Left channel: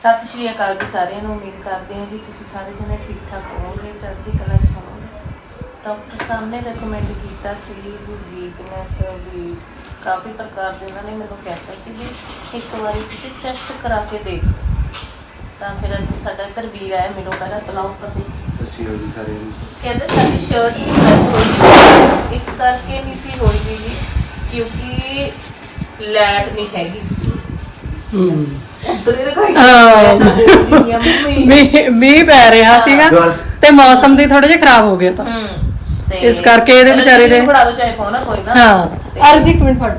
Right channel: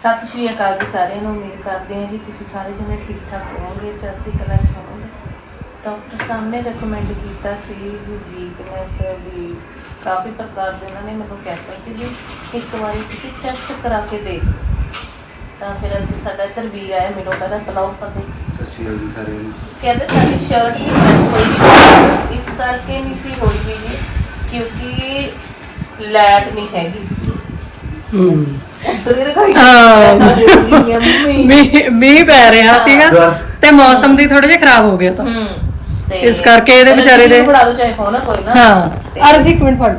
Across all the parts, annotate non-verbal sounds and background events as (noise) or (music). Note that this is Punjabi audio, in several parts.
ਸਤਿ ਸ਼੍ਰੀ ਅਕਾਲ ਜੀ ਸਾਰਿਆਂ ਨੂੰ ਉਮੀਦ ਕਰਦੇ ਹਾਂ ਜੀ ਤੁਸੀਂ ਸਾਰੇ ਜਣੇ ਠੀਕ ਠਾਕ ਹੋਵੋਗੇ ਚੜ੍ਹਦੀ ਕਲਾ ਚ ਹੋਵੋਗੇ। ਡਾਕਟਰ ਸਾਹਿਬ ਨੇ ਰეკਮੈਂਡ ਕੀਤਾ ਸੀ ਵੀ ਵੀਕਨੈਸ ਵੀ ਕਾਫੀ ਪ੍ਰਕਾਰ ਦੇ ਇਹਨਾਂ ਨੇ ਮੈਨੂੰ ਕਹਿਤਾ ਸੀ ਵੀ ਇੱਕ ਵਾਰੀ ਤੁਸੀਂ ਟੈਸਟ ਕਰਾ ਕੇ ਦੇਖ। ਤਾਂ ਫਿਰ ਅੱਜ ਸਾਡਾ ਇੱਧਰ ਵੀਰ ਆਇਆ ਮੈਨੂੰ ਕਹਿੰਦਾ ਪਲਾਉ ਪਤੇ ਸਤਿ ਸ਼੍ਰੀ ਅਕਾਲ ਜੀ ਸਾਰਿਆਂ ਨੂੰ। ਕਹਿੰਦੇ ਸਾਡੀ ਸ਼ਰਟ ਪ੍ਰੈਸ ਹੋਈ ਇਸ ਕਰਕੇ ਨਹੀਂ ਸੀ ਹੋਈ ਵੀ ਜੀ ਕਿਉਂਕਿ ਲੈਟ ਨਹੀਂ ਹੈਗੀ। ਮੀਂਹ ਮੀਂਹ ਪੈ ਰਿਹਾ। ਸੀਗਾ ਤੇ ਮੌਸਮ ਦੀ ਥੋੜਾ ਜਿਹਾ ਖਰਾਬ ਹੋ ਗਿਆ ਤਾਂ। ਇਸ ਕਰਕੇ ਇਹਦੇ ਵਿਚਾਰੇ ਦੇ- ਬੜਾ ਦੋ ਚਾਹੇ ਫੋਨ ਕੋਈ ਨਾ। ਹਾਂ। ਅਰਜ ਇੱਕ ਮਿੰਟ ਫੜ।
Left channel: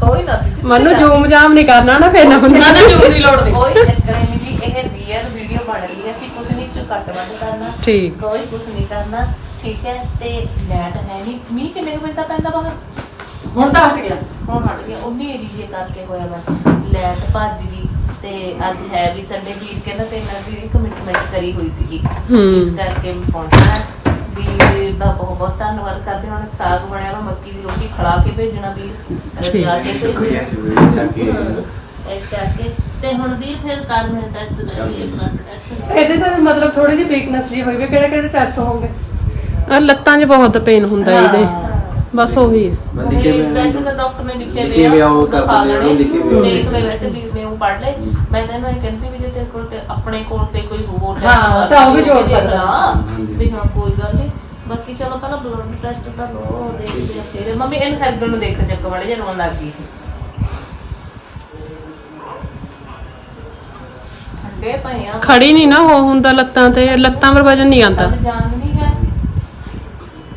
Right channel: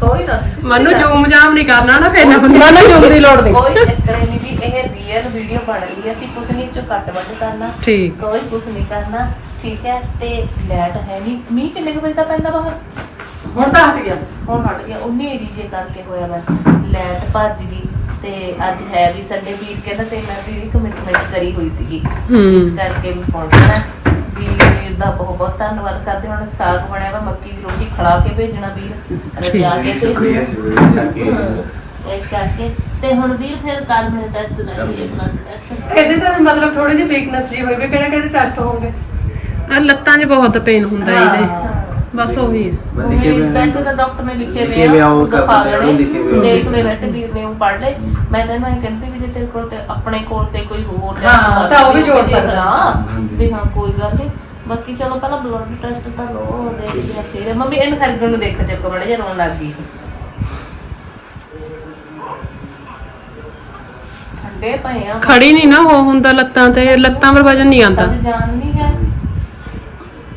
ਕੋਈ ਨਾ ਦੀਦੀ, ਮੈਨੂੰ ਤੁਸੀਂ ਜੂਮ ਜਾਮ ਨਹੀਂ ਕਰਨਾ ਨਾ ਫੇਰ ਨਾ ਹੁੰਦਾ ਨਾ ਜੂਮ ਦੀ ਲੋੜ ਨਹੀਂ ਕੋਈ ਚੱਕਰ ਨਹੀਂ ਜੀ ਇਹ ਰੀਅਲ ਵੀਡੀਓ ਬਣ ਰਹੀ ਹੈ ਅਸੀਂ ਕੁਝ ਨਹੀਂ ਚ ਕੱਟ ਵੱਢ ਕਰਨਾ। ਠੀਕ। ਕੋਈ ਕੁਝ ਨਹੀਂ ਕਰਨਾ ਠੀਕ ਹੈ ਤੇ ਲੈਟ ਹੈ ਨਹੀਂ। ਮੀਂਹ ਕਿੰਨੇ ਕੁ ਵਜੇ ਦਾ ਪੈਂਦਾ ਬਾਹਰ? ਹੁਣ ਤਾਂ ਹਟ ਗਿਆ ਹੁਣ ਹਟ ਗਿਆ। ਉਹਨੇ ਏਰੀਏ ਕਰਕੇ ਹੋਇਆ ਵਾ ਲੈਟ ਭੱਜ ਗਈ ਤੇ ਅੱਜ ਹੈ ਵੀ ਸੰਡੇ ਵੀਰ ਕਹਿੰਦਾ ਤੇ ਇਹਨਾਂ ਦੀ ਕਮਿਟਮੈਂਟ ਕਰੀ ਹੋਈ ਸੀਗੀ। ਇਸ ਕਰਕੇ ਮੈਂ ਪਹੁੰਚਣਾ ਵੀਰ ਦਾ ਬਹੁਤ ਬਹੁਤ ਧੰਨਵਾਦ ਕਰਦੇ ਹਾਂ। ਹੁਣ ਸਾਗ ਬਣਿਆ ਵਾ ਮੱਕੀ ਦੀ ਰੋਟੀ ਖੜਾ ਕੇ ਭੇਜਣਾ ਵੀਰ। ਕੇ ਭੇਜਣਾ। ਇਸ ਕਰਕੇ। ਤੇ ਹੁਣ ਵੀਰ ਫਿਰ ਕੱਲ ਮੈਂ ਟੈਸਟ ਕਰਾਂਗੇ ਬਲੱਡ ਟੈਸਟ ਇਹਦੇ ਤਾਂ ਮਤਲਬ ਥੋੜੀ ਜਿਹੀ ਵੀਕਨੈਸ ਜੀ ਹੋਈ ਵੀ ਕਿਹੜੇ ਕਿਹੜੇ ਟੈਸਟ ਹੋਣਗੇ? ਆ ਲੱਤਾਂ 'ਚ ਬਹੁਤ ਪੇਨ ਹੁੰਦਾ ਇਹਦੇ। ਬਸ ਹੈ। ਉਹਨੇ ਵੈਸੇ ਤਾਂ ਡਾਕਟਰ ਨੇ ਲਿਖੇ ਲਿਖੇ ਹੋਏ ਹੋਏ ਆ ਆ, ਉਹ ਉਹ ਦਿਖਾ ਕਰਦੇ ਆ, ਲੈਣੇ ਲਿਖੇ ਹੋਏ ਆ। ਦੇਖ ਲੈ ਵੈਸੇ ਵੀਰ ਨੇ ਉਹ ਪੜ੍ਹ ਲਏ। ਮੈਂ ਤੈਨੂੰ ਇਹ ਕਹਿੰਦੀ ਵੀ ਜੇ ਤੇਰੇ ਕੋਲ ਤੇ ਆਪਣੇ ਕੋਲ ਤੇ ਕੋਈ ਹੋਰ test ਹਾਂ, ਹੋਵੇ ਤਾਂ ਉਹ ਵੀ ਦੇਖ ਜੋੜ ਸਕਦਾ। ਲਾ। ਹਾਂਜੀ। ਵੀ ਹਾਂ ਕੋਈ ਗੱਲ ਨਹੀਂ ਬਾਕੀ ਚਲੋ ਪਹਿਲਾਂ ਬਲੱਡ ਟੈਸਟ ਤਾਂ ਲੋ ਦੇਖਦੇ ਆ ਫਿਰ। ਮੰਮੀ ਇਹਨੂੰ ਹਰਗਣ ਨੂੰ ਦੇਖ ਚੱਕ ਮੜੇ ਜਿਹਾ ਰੋਣ ਲੱਗ ਗਈ ਠੰਡੇ ਪਏ ਆ। ਖੜੀ ਨਹੀਂ ਨਾ ਹੋ ਹੁੰਦਾ ਲੱਤਾਂ ਤੇ ਲੱਤਾਂ ਪਰ ਵਜਨ ਨਹੀਂ ਆਉਂਦਾ। ਅੱਜ ਜਾਨ ਨਹੀਂ ਹੈ।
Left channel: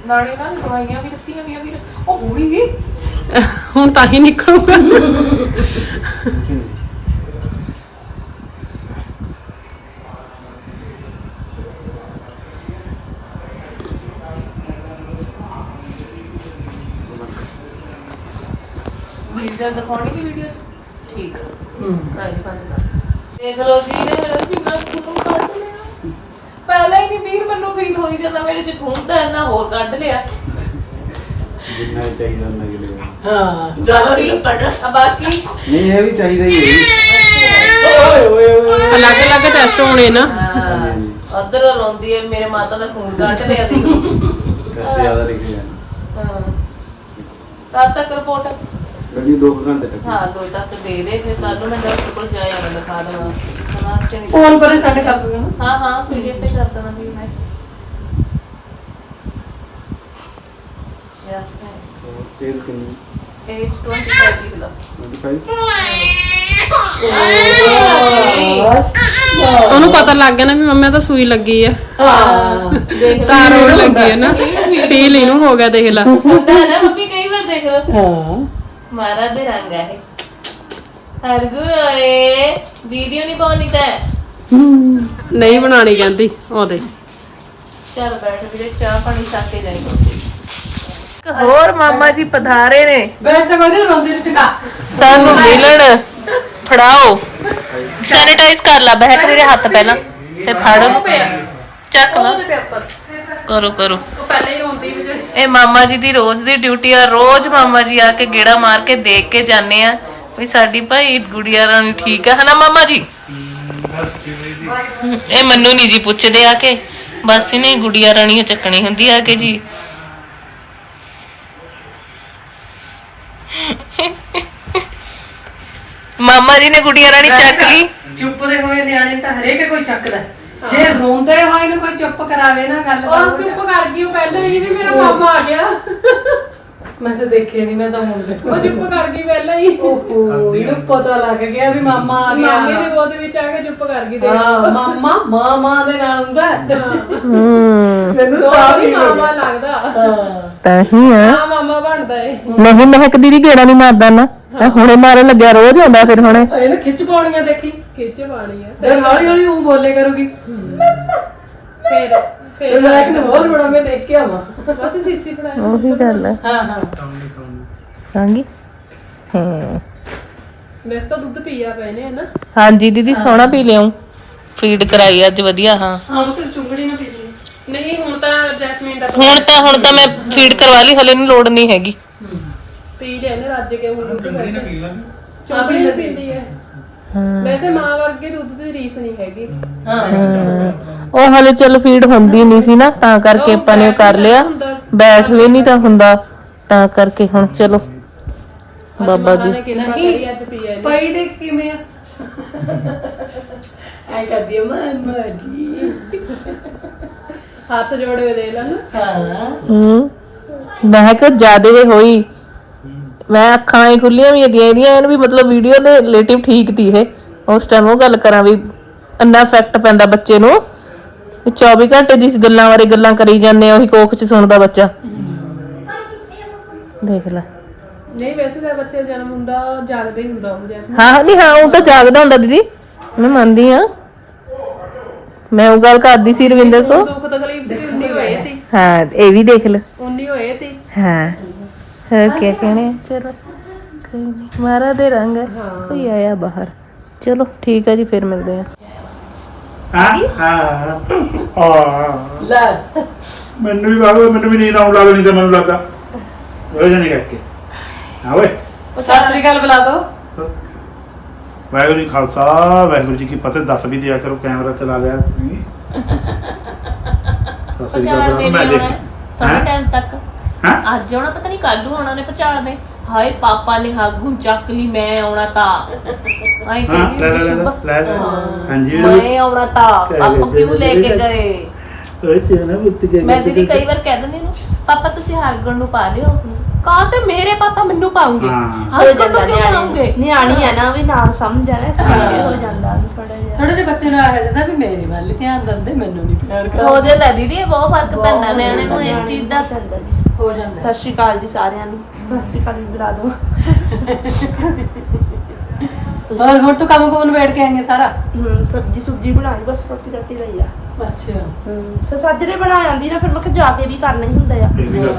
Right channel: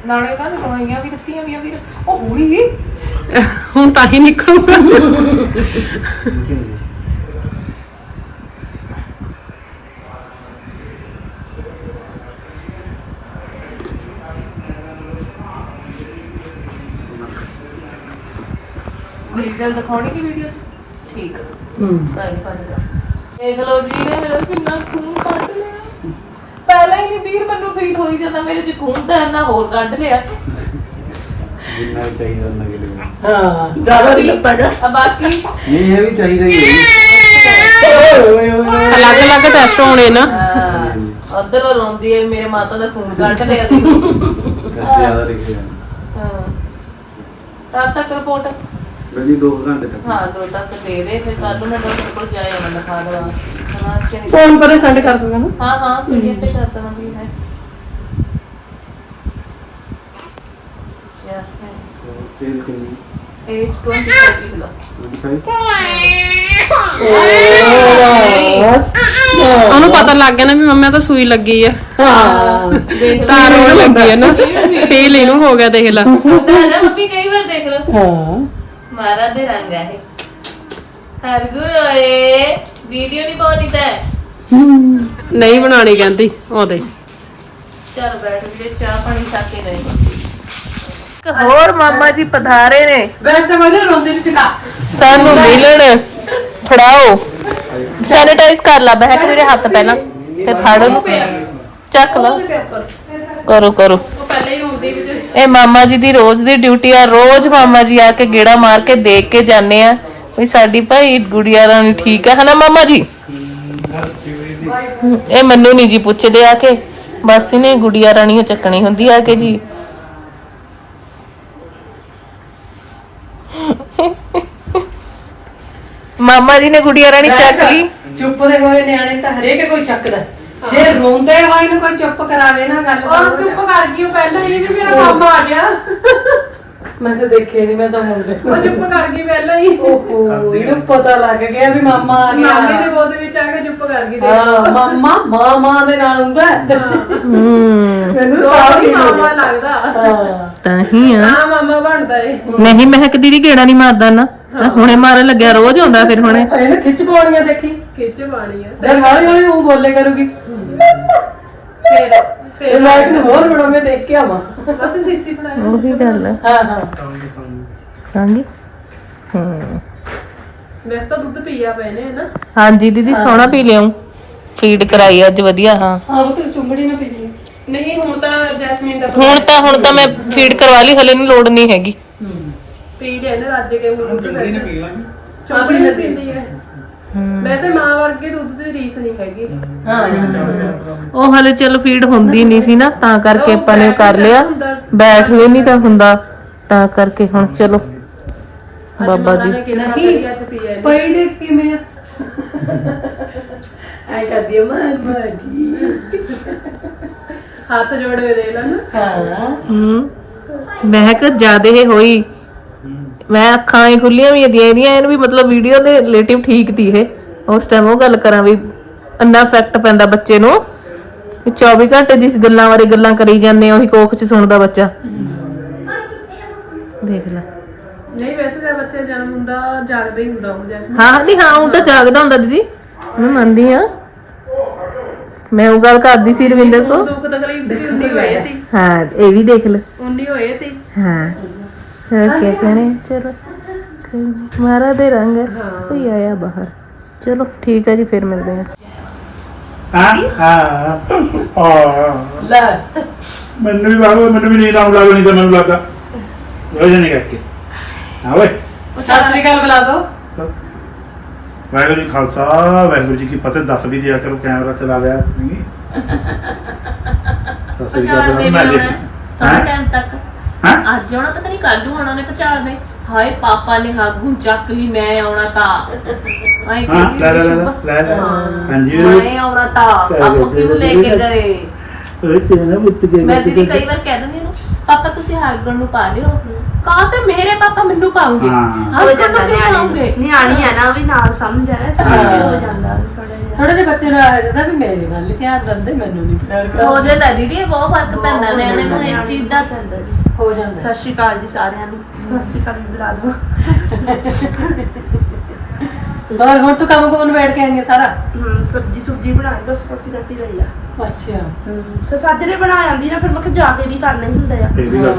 ਨਾਲੇ ਉਹਨਾਂ ਨੇ ਦਵਾਈਆਂ ਵੀ ਦਿੱਤੀਆਂ ਵੀ ਵੀਰ ਉਹ ਹੋਈ ਵੀ ਹੁਣ ਤਾਂ ਹੀ ਨਿਕਲੂਗਾ। ਵੀਡੀਓ ਦਿਖਾਉਣੀ ਸੀ ਵੀਡੀਓ 'ਚ? ਠੀਕ ਆ। ਕਾਈ ਪੰਜ ਦਾ ਦੇਖ ਲਓ ਜੀ ਨੇ ਮੇਰਾ ਕਿੰਨਾ ਖੂਨ ਕੱਢ ਲਿਆ। ਪਹਿਲਾਂ ਹੀ ਨਹੀਂ ਵੀਰ ਮੈਨੂੰ ਫੀਲ ਹੋਈ ਜਾਂਦਾ ਮੇਰੇ 'ਚ ਖੂਨ ਤਾਂ ਇੰਨਾ ਹੋਰ ਕੱਢ ਲਿਆ। ਜਿੰਨਾ ਚਾਹੀਦਾ ਉਹਨਾਂ ਕੇ ਲਿਆ ਹਾਂ। ਜ਼ਿਆਦਾ ਨਹੀਂ ਲੱਤਾਂਗਾ ਆ ਬਾਕੀ ਨਹੀਂ ਇਹ ਵੀ ਚਾਹੀਦਾ ਹੀ ਹੈ ਅਲੱਗ-ਅਲੱਗ ਟੈਸਟ ਹੋਣੇ ਨਾ। ਉਧਰ ਰੋਂਦੀ ਹੈ ਮੇਰੇ ਮਾਤਾ ਦਾ ਖੂਨ ਕੱਢ ਲਿਆ। ਦੀ ਕਸ਼ਟ ਜ਼ਿਆਦਾ ਲਿਖੇ ਆ ਹਾਂ। ਕਦ ਤੱਕ ਰਿਪੋਰਟ ਬੜੀ 2 ਘੰਟੇ ਤੱਕ। ਹਾਂ ਦੋ ਤੱਕ ਦੇ ਦੇ ਫਿਰ ਕੱਲ ਨੂੰ ਮੈਂ ਡਾਕਟਰ ਕੋਲ ਜਾਇਆ ਮੈਂ ਦਿਖਾ ਦਵਾਂ। ਸਮਾਂ ਚੰਗੀ। ਫੋਨ ਪਰੇ ਸੈਂਡ ਕਰ ਦੂੰਗਾ ਨਾ। ਹਾਂ ਹਾਂ ਪੀਡੀਐਫ ਤੇ ਕਰ ਦਵਾਂਗੀ ਮੈਂ। ਜੈਸੇ ਤੇਜ਼ ਕਿੰਨੀ? ਏਜ 25 ਕਿਲੋ 25 ਉਹਨੂੰ ਪਤਾ ਲੱਗ ਗਿਆ ਨਾ ਵੀ ਮੰਮਾ ਤਾਂ ਸੂਈ ਲੱਗੀ ਆ। ਦੇਖ ਤਾਰ ਹੋਣ ਲੱਗੀ ਆ ਨਾ। ਫੀਲ ਇਹਨੂੰ ਹੋ ਗਿਆ ਦੇਖ ਲਾ। ਨਾ ਮੰਮੀ ਕਈ ਵਾਰ ਦੇਖ ਲਓ। ਹਾਂ। ਮਾਰਾ ਦੇ ਰੰਗ ਹੈ ਹਰਗੁਰ ਓਏ ਵੀਡੀਓ ਨਹੀਂ ਪਾਉਣੀ ਤਾਂ ਨਹੀਂ ਬਣਾਣੀ ਕਹਿੰਦੀ ਉਹਦੇ ਚਲ ਬੈਠ ਵੀਰੇ ਚਾਹ ਪਾਣੀ ਛੱਕ ਕੇ ਇੱਕ ਹੋਰ ਮਾਮਾ ਜੀ ਪਧਾਰੇ ਨੇ। ਵੈਸੇ ਕੋਈ ਰੋਂਦੇ ਵਿੱਚ ਕਾ ਸਾਨੂੰ ਮਿਲਣ ਫੜਾਓ। ਸੈਨੀਟਾਈਜ਼ ਕਰ ਲਾ ਬਹਿਕ ਮੇਰੇ ਹੱਥ ਪਹਿਲਾਂ। ਤੇ ਫੜ ਉਹਨੂੰ। ਚੱਕ ਲਾ। ਕਰੋ ਕਰੋ। ਪਹਿਲੇ ਹੀ ਵਿੱਚ ਇਹ ਮਾਮਾ ਜੀ ਦੀ ਰੋਜ਼ ਦੀ ਡਿਊਟੀ ਆ। ਰੋਜ਼ ਮਾਮਾ ਜੀ ਆ ਕੇ ਗੇੜਾ ਮਾਰ ਕੇ ਦੇਖ ਕੇ ਜਾਂਦੇ ਆ ਵੀ ਸਾਡੀ ਭਾਈ ਗੁੜੀਆ ਰਾਣੀ ਠੀਕ ਆ। ਹਨਾ ਮਾਮਾ ਜੀ? ਇਹ ਮੈਨੂੰ ਨਹੀਂ ਜੀ ਪੁੱਛਦੇ ਆ ਕੇ। ਬਸ ਇਹਨੇ ਗੁੜੀਆ ਰਾਣੀ ਚੱਕਣੀ ਹੁੰਦੀ ਆ ਕੇ ਜੀ। ਮਾਮਾ ਜੀ ਨੇ ਗੁੜੀਆ ਰਾਣੀ ਚੱਕ ਲਈ? ਚੁੱਪ ਦੇ ਹੋਏ ਨਿਆਣੇ ਤਾਂ ਹਰੇਕ ਕੋਈ ਚੱਕਦਾ। ਜੇ ਰੋਂਦੇ ਹੋਏ ਨੂੰ ਕੋਈ ਚੁੱਪ ਕਰਾਵੇ ਨਾ ਗੱਲ ਉਹ ਚੁੱਪ ਕਰ ਗਈ ਉਹ ਪਹਿਲਾਂ ਹੀ ਵੀ ਮੇਰਾ ਮਾਮਾ ਆ ਗਿਆ। ਮੈਂ ਤਾਂ ਦੇਖੇ ਨਹੀਂ ਮੈਂ ਤਾਂ ਹੁਣ ਉਹ ਚੁੱਪ ਕਰ ਗਈ ਪਹਿਲਾਂ ਹੀ। ਓਹੋ ਇਹਨੂੰ ਪਤਾ ਲੱਗ ਗਿਆ ਵੀ ਮਾਮਾ ਆ ਮਾਮੇ ਦੇ ਗਿਆ ਗੋਦ ਵਿੱਚ ਆ ਕੇ ਚੁੱਪ ਕਰ ਗਈ ਤੇ ਹਾਂ ਮਾਮਾ ਮਾਮਾ ਦੇ ਨਾਲ ਹੁੰਦਾ ਹੈ। ਹੂੰ। ਮੈਨੂੰ ਤਾਂ ਹੀ ਮਾਮਾ ਲੱਗਦਾ। ਹਾਂ। ਤਾਂ ਹੀ ਆ। ਹਾਂ ਮਾਮਾ ਬਣਦਾ ਏ ਨਹੀਂ ਮਹਿਕ ਦੀਦੀ ਗੇੜਾ ਨਹੀਂ ਮਾਰਦਾ ਨਾ। ਹੁਣੇ ਮਾਰਨ ਲੱਗਿਆ ਰੋਜ਼ ਆਉਂਦਾ ਫਿਰ ਹੁਣੇ। ਇਹਨੂੰ ਖਿੱਚ ਪਾਉਣੀਆਂ ਦੇਖੀ। ਖਿੱਚ ਪਾਣੀ ਆ। ਫਿਰ ਹੌਲੀ ਹੌਲੀ ਉਹ ਬੋਲੇ ਕਰੂਗੀ। ਫੇਰ ਫਿਰ। ਫੇਰ ਮੈਂ ਇੱਕ ਨੂੰ ਹੋਰ ਬੜਾ ਮੈਂ ਦੇਖ ਕੇ ਆਵਾਂ ਬਸ ਸੀਸੀ ਬਣਾਇਆ। ਉਹੀ ਗੱਲ ਹੈ। ਹਾਂ ਹਾਂ। ਸੰਗੀ? ਹਾਂ। ਵੈਸੇ ਤਾਂ ਦੁੱਧ ਪੀਆ ਪਏ ਨੇ ਨਾ ਹਾਂਜੀ ਦੀਦੀ ਸੋਹਣਾ ਪੀ ਲਿਆਉ ਫੀਡ ਕਰਾਈ ਅੱਜ ਵਧੀਆ ਹਾਂ। ਹਾਂ ਉਹ ਤਾਂ ਚੁੰਗੜੀ ਨਾ ਪੀਜੀ ਨਹੀਂ ਹੁਣ ਤਾਂ ਜੈਸਮੀਨ ਦਾ ਹੁਣ ਤਾਂ ਹੁਣ ਤਾਂ ਮੈਂ ਫੀਡ ਕਰਵਾ ਲਈ ਹਲੇ ਨੂੰ ਲੋੜ ਨਹੀਂ ਹੈਗੀ। ਪੀ ਲਿਆ ਨਾ ਰੱਜ ਕੇ ਹੁਣ ਦੁੱਧ ਵੈਸੇ। ਚਾਹ ਪੀ ਲੈਂਦੀ ਹੈ। ਵੈਸੇ ਮਾਂ ਵਰਗੇ ਦੁੱਧ ਦੀ ਰੀਸ ਨਹੀਂ ਹੈਗੀ। ਉਹ ਹਲੇ ਚਲੋ ਫੀਡ ਹੁੰਦੀ ਨਹੀਂ ਸੀ ਨਾ ਤਾਂ ਕਰਕੇ ਆਪਾਂ ਨੇ ਉਹ ਕਰ ਲਿਆ। ਬੈਠ ਵੀ ਨਹੀਂ ਤਾਂ ਹੁੰਦਾ। ਤਾਂ ਕਰਕੇ ਹੁਣ ਚਲੋ। ਬਾਬਾ ਜੀ। ਅੱਜ। ਪਈ ਦੇਖ ਕਿਵੇਂ ਐ ਕਰਦੀ ਆ ਮਾਮਾ ਜੀ। ਹੱਥ ਜੋੜੇ ਦੇ ਲੈਣ ਹਾਂ। ਹੂੰ। ਮਹਿਕ ਜਿਆਦੇ ਹੋਈ। ਮੈਂ ਅੱਖਾਂ ਹੀ ਖੁੱਲੀਆਂ ਵੀ ਦੀਆਂ ਇਹਦੀਆਂ ਇਹਨੂੰ ਵੀ ਮਤਲਬ ਵੀਡੀਓ ਦੇ ਰਿਲੇਟਿਵ ਠੀਕ ਤੀ ਇਹ। ਉਸ ਟਾਈਮ ਉਹ ਗੱਲ ਕਰਾਂ ਵੀ ਅੰਨਾ ਇਫੈਕਟ ਪੈਂਦਾ ਬੱਚੇ ਨੂੰ। ਇਹ 24 ਘੰਟੇ ਜਿਸ ਗੱਲਾਂ ਬਾਰੇ ਗੱਲਾਂ ਕਰੀ ਜਾਂਦੇ ਆ ਉਹੀ ਕੋਖ ਚ ਸੁਣਦਾ ਬੱਚਾ। ਦੇਖ ਲੈ। ਨਹੀਂ ਵੈਸੇ ਜਦ ਬੱਚੇ ਜਨਮ ਹੁੰਦਾ ਜਾਗਦਾ ਹੀ ਹੁੰਦਾ ਉਹ ਜੈਸਮੀਨ ਹਾਂ ਨਹੀਂ ਹਾਂ ਉਹ ਤਾਂ ਜਾਗਦਾ ਹੁੰਦਾ ਦੀਦੀ। ਮੈਂ ਮੰਨਦੀ ਆ ਮੈਂ ਉਹ ਗੱਲ ਕਰਦੀ ਸੀ ਰਵਿੰਦਰ ਤੋਂ ਦੁੱਖ ਤਕਲੀਫ ਸੀ ਉਨੀ ਹੋਏ ਤੀ ਹਾਂ ਇਹ ਵੀ ਦੇਖ ਲੈ। ਉਨੀ ਹੋਏ ਤੀ ਹਾਂ। ਹੋਰ ਕੀ ਕਹਣੇ? ਚਲੋ ਕੋਈ ਨੀ, ਮਾਰਾ ਦੇ ਰੰਗ ਕੋਈ ਆਇਆ ਬਾਹਰ। ਚਲੋ ਠੀਕ ਹੈ ਜੀ ਫਿਰ ਮਿਲਦੇ ਆ। ਹਾਂ? ਹਾਂ ਹਾਂ। ਲੈ। ਮੈਨੂੰ ਵੀ ਬਾਬੂ ਮੈਨੂੰ ਵੀ ਨੀਂਦ ਆਉਣ ਲੱਗ ਨਹੀਂ ਤਾਂ ਮੈਨੂੰ ਲੱਗਦਾ। ਰੋਜ਼ ਨਹੀਂ ਕਰਕੇ। ਹਾਂ ਓਏ। ਸਤਿ ਸ੍ਰੀ ਅਕਾਲ ਬੁਲਾ ਦੋ। ਵਾਹਿਗੁਰੂ ਜੀ ਖਾਲਸਾ ਵਾਹਿਗੁਰੂ ਜੀ ਕੀ ਫਤਿਹ। ਦੱਸ ਵੀ ਦਿਆ ਕਰੋ ਕੈਮਰਾ ਚਲਾ ਲਿਆ। ਤੁਸੀਂ ਸਤਿ ਸ੍ਰੀ ਅਕਾਲ ਮੈਂ ਦੇਖ ਥੋੜਾ ਟਾਈਮ ਤੱਕ। ਹਾਂ? ਅੱਜ ਆਉਣਾ ਪਤਾ ਨਹੀਂ ਕੱਲ ਨੂੰ ਆਉਣਾ ਨੇ ਪਚਾੜ ਦੇ ਹਾਏ ਪਾਪਾ ਨੇ ਹਾਗੂ ਚੱਕ ਲਈ ਮੈਂ ਆਉਣਾ ਤਾਂ। ਆਈ ਹਾਂ ਲੈ ਲੈ ਲੈ, ਲੈ ਲੈ। ਹਾਂਜੀ ਮੈਂ ਆਉਣਾ ਤਾਂ। ਆਪ ਕਿਉਂ ਲੈ ਕੇ ਗਏ? ਓਏ ਸੇਨਾ ਬੁੱਤ ਕੇ ਮੈਂ ਦੀਦੀ ਕਈ ਵਾਰ ਕਹਿ ਦਿੰਦੀ ਨੂੰ ਪਾਪਾ ਤੁਸੀਂ ਹਾਗਣ ਨੂੰ ਪਾ ਲਿਓ। ਕਹਾ ਤੇ ਮੇਰੇ ਪਾਪਾ ਮੈਨੂੰ ਪਾਉਂਗੇ? ਹਾਂ। ਹਾਗਣ ਨੂੰ ਕਿਉਂ ਪਾਉਂਗੇ? ਨਿਆਣੀ ਆ ਨਾ ਵੀ ਨਾਲ ਸਮਝ ਆ ਨਾ ਇਸ ਤਰ੍ਹਾਂ ਹੋ। ਜਾਂਦਾ ਥੋੜਾ ਜਿਹਾ। ਥੋੜੇ ਜਿਹੇ ਬੱਚੇ ਨੂੰ ਆ ਜਾਂਦਾ ਵੀ ਮੇਰੇ ਵੱਲ ਧਿਆਨ ਦਿੰਦੇ ਮੈਨੂੰ ਨਹੀਂ ਪਿਆਰ ਹੋ ਜਾਂਦਾ ਦੀਦੀ ਇਹ ਬਹੁਤ ਫ਼ਰਕ ਪੈਂਦਾ ਨਿਆਣੇ ਨੂੰ ਇਸ ਚੀਜ਼ ਦਾ। ਜੀ। ਹੋ ਜਾਂਦਾ ਸਤਿ ਸ਼੍ਰੀ ਅਕਾਲ ਜੀ ਸਾਰਿਆਂ ਨੂੰ। ਸਤਿ ਸ਼੍ਰੀ ਅਕਾਲ ਵੀ ਬੁਲਾ ਲਓ। ਹੋਰ ਹੁਣ ਤੂੰ ਕੰਮ ਕੋਲ ਬੈਠ ਕੇ ਆਈਆਂ ਸਾਰਾ? ਹਮ, ਸਬਜੀ ਸੁਬਜੀ ਬਣਾਈ ਬਸ ਰੋਟੀ ਰੋਟੀ ਦਾ ਹੀ ਆ। ਅੱਛਾ। ਤੇ ਸਾਜਰੇ ਬਣਾ ਜਾਂਦੀ ਨਾ ਫਿਰ ਮੈਂ ਕਿਹਾ ਜਾ ਕੇ ਵੀ ਕਰਨਾ ਹੀ ਹੁੰਦਾ ਆ। ਇਹ ਵੀ ਗੱਲ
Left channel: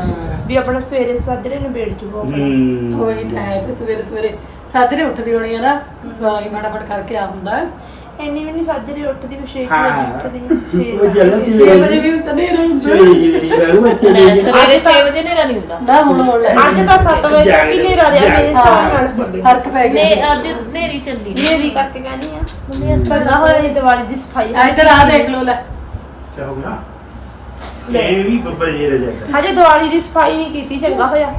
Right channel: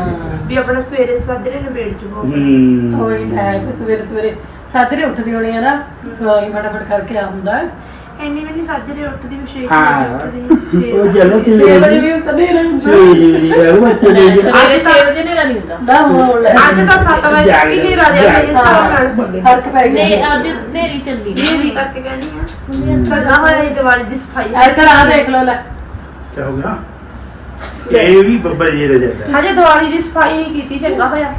ਵੀ ਆਪਣਾ ਸਵੇਰੇ ਸਾਜਰੇ ਨਿਬੇੜ ਜੂਗਾ ਹੂੰ ਕੋਈ ਟਾਈਮ ਸਵੇਰੇ ਸਵੇਰੇ ਸਾਜਰੇ ਉੱਠਦੀ ਹੋਣੀ ਆ ਨਾ ਕੋਈ ਫਟਾਫਟ ਕਰਕੇ ਆ ਹੁੰਦਾ ਇੰਨੀ ਵੀ ਨਹੀਂ ਸਾਜਰੇ ਉੱਠਦੀ ਵੀ ਛੇ ਹਾਂ। ਵਜੇ ਉੱਠਦੀ ਉਹ ਜਲੋ ਛੇ ਚੀ 6 ਵਜੇ ਵੀ ਉੱਠਦੇ ਰਹਿੰਦੇ। ਸਵੇਰੇ 6 ਵਜੇ ਨੇਰਾ ਨਹੀਂ ਹੁੰਦਾ। ਨਾ ਹੋਣ ਲੈ। ਅੱਜ ਤਾਂ 7 ਵਜੇ ਤੱਕ ਹੀ ਨਹੀਂ ਰਿਹਾ ਮੇਰੇ ਹਿਸਾਬ ਨਾਲ। ਫ਼ਰਕ ਪੈ ਨੇ ਗਿਆ ਅੱਜ ਨੇਰੀ ਚੱਲੀ ਮੇਰੀ ਕਰਕੇ ਕਹਿੰਦੀ ਆ। ਸਦਾ ਹੋਇਆ ਸੀ ਦੀਵਾਲੀ ਦੀ ਸਫ਼ਾਈ ਇੱਧਰ ਆ ਦੇਖ ਲੋ ਲੈ। ਕੀ ਹੋ ਗਿਆ? ਇਹ ਵੀ ਬੱਬਾ ਜੀ ਦੇ ਜਾਂਦਾ ਹਜੇ ਦੀਵਾਲੀ ਦੀ ਸਫ਼ਾਈ ਨਹੀਂ ਕੀਤੀ ਚੰਗਾ ਹੋਇਆ।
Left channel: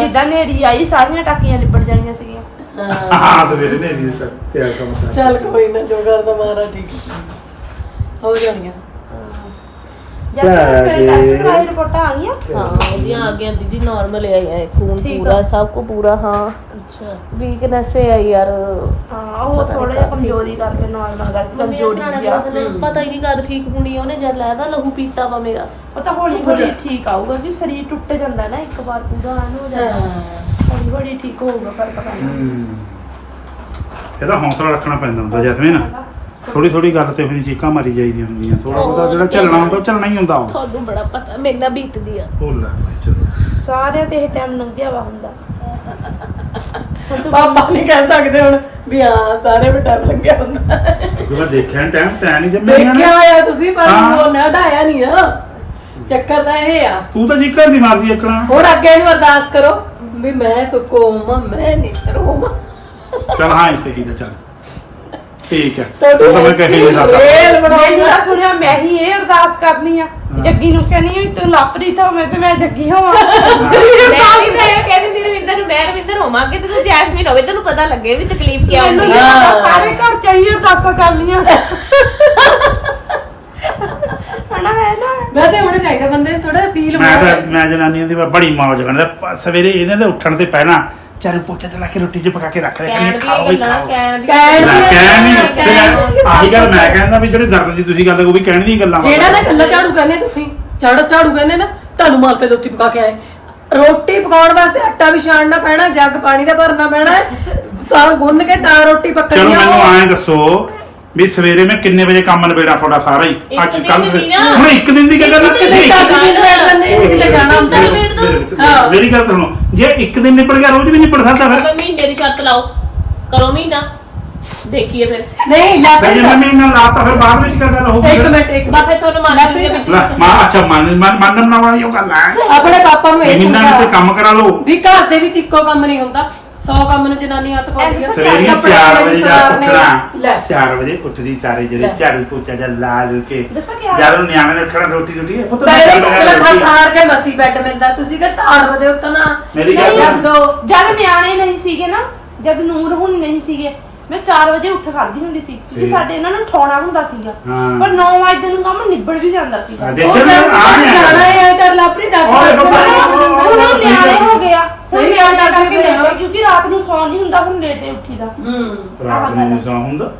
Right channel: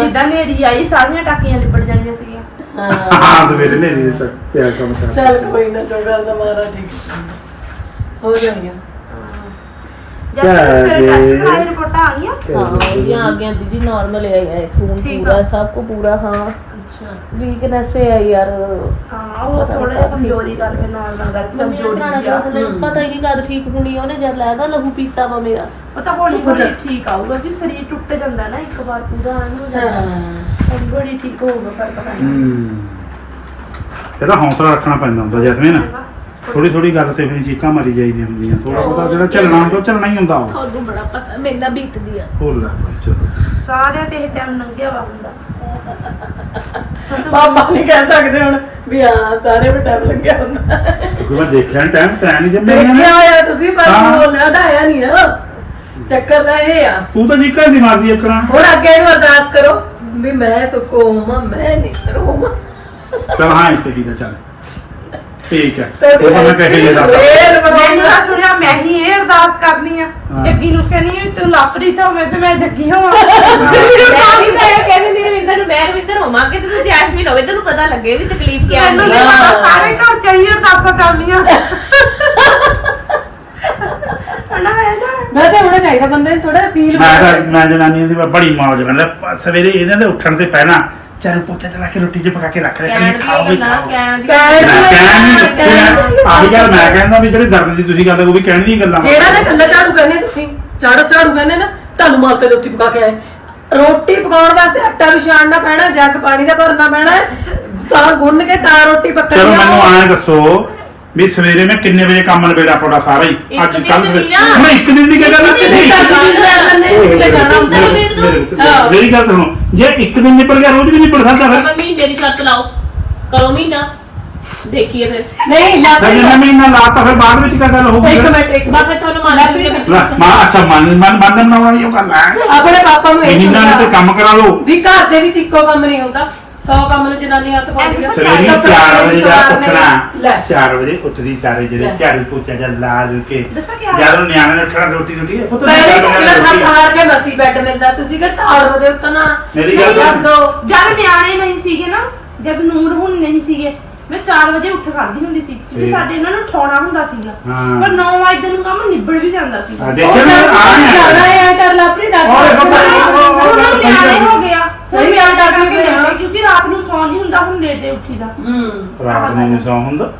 ਜਿੱਦਾਂ ਨੇਰੀ ਆਈ ਸਾਰੀਆਂ ਟਾਕੀਆਂ ਲਿਪੜ ਜਾਣੀਆਂ ਸੀਗੀਆਂ। ਹਾਂ। ਸਵੇਰੇ ਨੇ ਨਹੀਂ ਤੱਕ ਤਿਆਰ ਕੰਮ ਕਰ। ਚੱਲ ਕੋਈ ਨਾ ਜੋ ਕਰਦਾ ਮਾਰਾ ਠੀਕ ਹੈ। ਹੋ ਜਾਣੀਆਂ? ਰਿਪੋਰਟਾਂ ਆ ਗਈਆਂ। ਹਾਂ ਉਹ ਪਤਾ ਨੀ ਥੋੜਾ ਜਿਹਾ ਕਦ ਠੀਕ। ਕਮਜ਼ੋਰੀ ਕਰਕੇ ਨਾਰਮਲ ਕਰਕੇ ਮੰਮੀ ਕਮਜ਼ੋਰੀ ਅਸਰਾਣਾ ਵੀ ਆ। ਪਤਾ ਹੀ ਨਹੀਂ ਕਦ ਠੀਕ ਹੋਣੀ ਉਹਨੇ ਜਦ ਲੈਦਾ ਲਹੂ ਪੀਤਾ ਵਾ ਮੇਰਾ। ਉਹ ਤਾਂ ਹੌਲੀ ਹੌਲੀ ਠੀਕ ਆਊਗਾ ਕਿ ਸਰੀਰ ਟੁੱਟ ਜਾਂਦਾ ਨਾ ਇੱਕ ਵਾਰ ਪੂਰਾ ਹੋ ਜਾਂਦਾ। ਹੌਲੀ ਹੌਲੀ ਠੀਕ ਹੋਊਗਾ ਫ਼ਰਕ ਪੈਣਾ। ਹੂੰ। ਇਹਦਾ ਹੌਸਲਾ ਰੱਖਣਾ ਪੈਂਦਾ ਹੁੰਦਾ ਜੈਸਮੀਨ। ਥੋੜੀ ਥੋੜੀ ਗੱਲ ਤੇ ਹੋਈ ਚੀਕਾਂ ਮਾਰੀ ਜਾਈਦੀਆਂ ਹੁੰਦੀਆਂ ਥੋੜਾ ਬਹੁਤਾ ਜਿਹੜਾ ਝੱਲਣਾ ਹੁੰਦਾ ਉਹ ਝੱਲਣਾ ਹੀ ਹੁੰਦਾ। ਉਹ ਤੁਹਾਨੂੰ ਬੜਾ ਪਤਾ ਮੇਰੇ ਨਾਲ ਬੀਤਦੀ ਆ। ਭੁੱਲ ਲੈ ਚਲੋ। ਸਾਰਿਆਂ ਤੇ ਇਹ ਟਾਈਮ ਲੰਘਿਆ ਵਾ ਹੁੰਦਾ। ਪਾਪਾ ਨਹੀਂ ਕਹਿ ਸਕਦੇ ਹੁਣ ਵੀ ਹਾਂ ਸਾਰੇ ਵੀ ਟਾਈਮ ਲੱਗਿਆ ਹੁੰਦਾ। ਕਿਉਂਕਿ ਮੈਂ ਦੇਖਿਆ ਟਾਈਮ ਤਾਂ ਨਹੀਂ ਜੰਮਿਆ ਨੇ। ਦੇਖਿਆ ਹੋਇਆ ਤੁਸੀਂ ਪਰ ਹਾਂ। ਉਹ ਲੜਾਇਆ ਨਹੀਂ ਆ। ਚੱਕਰ ਤਾਂ ਇਹ ਆ। ਤੂੰ ਤਾਂ ਚੀਕਾਂ ਦੀ ਮਾਰਦੀ ਇਕਣਾ ਹੁਣ ਅੱਗੇ ਨੂੰ ਅਰਦਾਸ ਕਰੋ। ਵੀ ਮੈਂ ਸੁਕੋਮ ਮੈਂ ਨਿਤਰੋਮ ਚਲ ਹਾਂ ਇਹ ਸਹੀ ਦਾ ਚੱਲ। ਠੀਕ ਹੈ ਉਹ ਤਾਂ ਮੈਂ ਕਹੇ ਜੇ ਸਾਡਾ ਮੈਨੂੰ ਤਾਂ ਸੁਣਿਆ ਮੈਂ ਹੀ ਇਹ ਅਰਦਾਸ ਕਰਨੀ ਆ। ਹਾਂ। ਜੱਗੀ ਨੂੰ ਕਹਿੰਦੀ ਆ ਵੀ ਤੂੰ ਲਾਪਰੀ ਹੋਵੇਂ ਤੇ ਮੈਂ ਜੱਗੀ ਹੋਵਾਂ। ਮੈਂ ਵੀ ਤਾਂ ਇਹ ਕਹਿੰਦੀ ਸੀ ਰਵਿੰਦਰ ਨੂੰ ਮੈਂ ਰਵਿੰਦਰ ਹੋਵਾਂਗੇ ਤੇ ਤੂੰ ਜੈਸਮੀਨ ਹੋਵੇ ਤੈਨੂੰ ਪਤਾ ਲੱਗੇ ਵੀ ਤਕਲੀਫ ਕੀ ਮੈਨੂੰ ਹੁੰਦੀ ਨਹੀਂ ਆ। ਪਤਾ ਸਾਰੇ ਘਰ ਚਾਹੀਏ ਅਰਦਾਸਾਂ ਕਰਨੀਆਂ। (laughs) ਹਣਾ ਹੈ ਨਾ। ਵੈਸੇ ਹੋਣਾ ਚਾਹੀਦਾ ਬੰਦੇ ਨੂੰ ਥੋੜਾ ਮੈਂ ਤਾਂ ਮੈਂ ਜਨਾਨੀਆਂ ਦੀ ਬੜੀ ਮੌਜ ਕਰਦਾ। ਪ- ਸਵੇਰੇ ਇਹਨਾਂ ਦੇ ਉੱਠਣ ਤੇ ਪਹਿਲਾਂ ਚਾਰੇ ਪੋਚਾ ਚਲਾ ਕੇ ਰੋਟੀ ਚ ਪਕਾ ਕੇ ਰੱਖ ਦੇ ਕਹਿਣ ਕਹਿੰਦੀ ਖਾਓ ਵੀ ਦੀਆਂ ਗੱਲਾਂ ਖਾਓ। ਕਹਿਣ ਦੀ ਕਹਿਣ ਮੈਂ ਦੀਆਂ ਕਹਿਣ ਨਹੀਂ ਕਹਿਣ ਦੀਆਂ ਆਹੀ ਗੱਲ ਮੈਂ ਕਹਿੰਦਾ ਵੀ ਜਿਹੜੇ ਦਰਦ ਦੀ ਤੁਸੀਂ ਗੱਲ ਉਹ ਵੀ ਕਹਿਣ ਦੀਆਂ ਗੱਲਾਂ ਜਿਹੜਾ ਨਾ ਕੱਲਾ ਝਾੜੂ ਕਹਿੰਦੇ ਤੁਸੀਂ ਝਾੜੂ ਝਾੜੂ ਕਹਿੰਦੇ ਨਾ ਤੁਹਾਨੂੰ ਮਾਰ ਕੇ ਰੋਟੀ ਪਕਾ ਕੇ ਆਏ। ਰੋਟੀ ਪਕਾਉਣ ਵਾਸਤੇ ਆਟਾ ਵੀ ਛਾਣਨਾ ਪੈਣਾ ਜੱਗ ਪਾਣੀ ਦਾ ਭਰਨਾ ਪੈਣਾ ਹੈ, ਤਾਂ ਗੁੰਨ ਕੇ ਤਾਂ ਰੋਟੀ ਪੱਕਣੀ ਚਲੋ ਆ ਮੈਨੂੰ ਐਂ ਦੱਸੋ ਵੀ ਸਵੇਰੇ ਮੈਂ ਕਿੰਨੇ ਵਜੇ ਕੰਮ ਨਿਬੇੜਾ ਤੁਹਾਡਾ ਸਾਰਾ ਹੀ? ਅੱਜ ਕੱਲ ਨਾ। ਹੁਣ ਇੱਕ ਦਿਨ ਦੀ ਗੱਲ ਇੱਕ ਦਿਨ ਦਾ ਅਸੀਂ ਦਿਨ ਬੈਠ ਲੈਂਦੇ ਹਾਂ, ਕਿਤੇ ਜਾਣਾ ਹੁੰਦਾ ਮੇਰੀ- ਗੱਲ ਸੁਣੋ। ਜੇ ਇੱਕ ਦਿਨ ਨਿਪਟ ਗਿਆ ਰੋਜ਼ ਵੀ ਨਿਪਟ ਸਕਦਾ ਫਿਰ। ਆਪਾਂ ਮਹੀਨੇ ਦੀ ਸ਼ਰਤ ਲਾਓ। ਕਰੋ ਮਹੀਨਾ। ਦੇਖੀਏ ਫਿਰ। ਨਹੀਂ ਲੈ ਫਿਰ ਜਿੰਨਾ ਮਹੀਨਾ ਲਾਤਾ ਫਿਰ ਬਾਅਦ ਵਿੱਚ ਗੱਲ ਹੋਊਗੀ ਇੱਕ? ਮਿੰਟ ਇੱਕ ਬਾ ਫਿਰ ਤੁਹਾਨੂੰ ਮੰਨ ਜੂਗੇ ਵੀ ਲੈ, ਮਾਂ ਅੱਛਾ ਮਨ ਮਨ ਮਨ ਬਣਾਉਣ ਵਾਲੀ ਉਹ ਗੱਲ ਹੈ। ਆਪਣੇ ਪਾਪਾ ਨੂੰ ਇਹ ਮਹੀਨਾ ਤੇ ਕੰਮ ਕਰਾ ਲਓ। ਵੀ ਘਰ ਦੇ ਵਿੱਚ ਇੱਕੋ ਕੰਮ ਨਹੀਂ ਹੁੰਦਾ। 100 ਕੰਮ ਨੂੰ ਜਨਾਨੀ ਹੱਥ ਪਾਉਂਦੀ ਆ। ਸਵੇਰੇ ਕੱਪੜੇ 4 ਵਜੇ ਦਾ। ਉੱਠਣਾ। ਲੈ। 4 ਵਜੇ ਉੱਠਦੀ ਸਾਰੇ ਜਿਹੜੇ। ਝਾੜੂ ਪੋਚਾ ਜਾਂ ਲਾ ਲੂ ਕੇ ਦੱਸਾਂ? ਜਦੋਂ ਨਿਆਣੇ ਨੇ ਉੱਠਣਾ ਰੋਟੀ ਰੋਟੀ ਪੁੱਤ ਮੈਂ ਪਹਿਲੇ ਰੋਟੀ ਹੱਥ ਹਾਰ ਕੇ ਮਸੀ ਬੈੱਡ ਮਿਲਦਾ। ਤੁਸੀਂ ਕਿ ਤਾੜ ਵਦੇ ਉਤਨਾ ਮੇਰੀ ਗੱਲ ਰੱਖ ਦੋ। ਜਦ ਨਿਆਣੇ ਨਹੀਂ ਸੀਗੇ ਨਾ ਜਦ ਨੂਰ ਹੁਣ ਨਹੀਂ ਸੀਗੇ ਮੈਂ 4 ਵਜੇ ਉੱਠ ਖੜਦੀ ਹੁੰਦੀ ਸੀ ਕਿਉਂਕਿ। ਸਾਡੇ ਇਹਨਾਂ ਨੂੰ ਠਾਉਣਾ ਹੁੰਦਾ ਸੀਗਾ। ਪਰ 9 ਵਜੇ ਨੂੰ ਕੰਮ ਨਿਬੜ ਵੀ ਜਾਂਦਾ ਸੀ। ਦੇਖੋ ਆ ਜਾਣਾ ਹੈ ਕਰ ਲਾ ਆਪਣੀ ਉਹ ਦੇਖੋ ਭਾਈ, ਡਾਕਟਰ ਉਹ- ਹੁਣ ਉਹ ਸਹੀ ਨਿਆਣੇ ਗੱਲ। ਹੋ ਗਿਆ ਸਹੀ ਗੱਲ ਕਰਕੇ ਜਾਣਾ। ਕਿਉਂਕਿ ਰਾਤ ਨੂੰ ਸੌਂ ਨਹੀਂ ਹੁੰਦਾ ਹੁਣ ਲੇਟੇ ਉੱਠੀਦਾ ਹੂੰ। ਰਾਤ ਨੂੰ ਨਹੀਂ ਸੌਂ ਹੁੰਦਾ।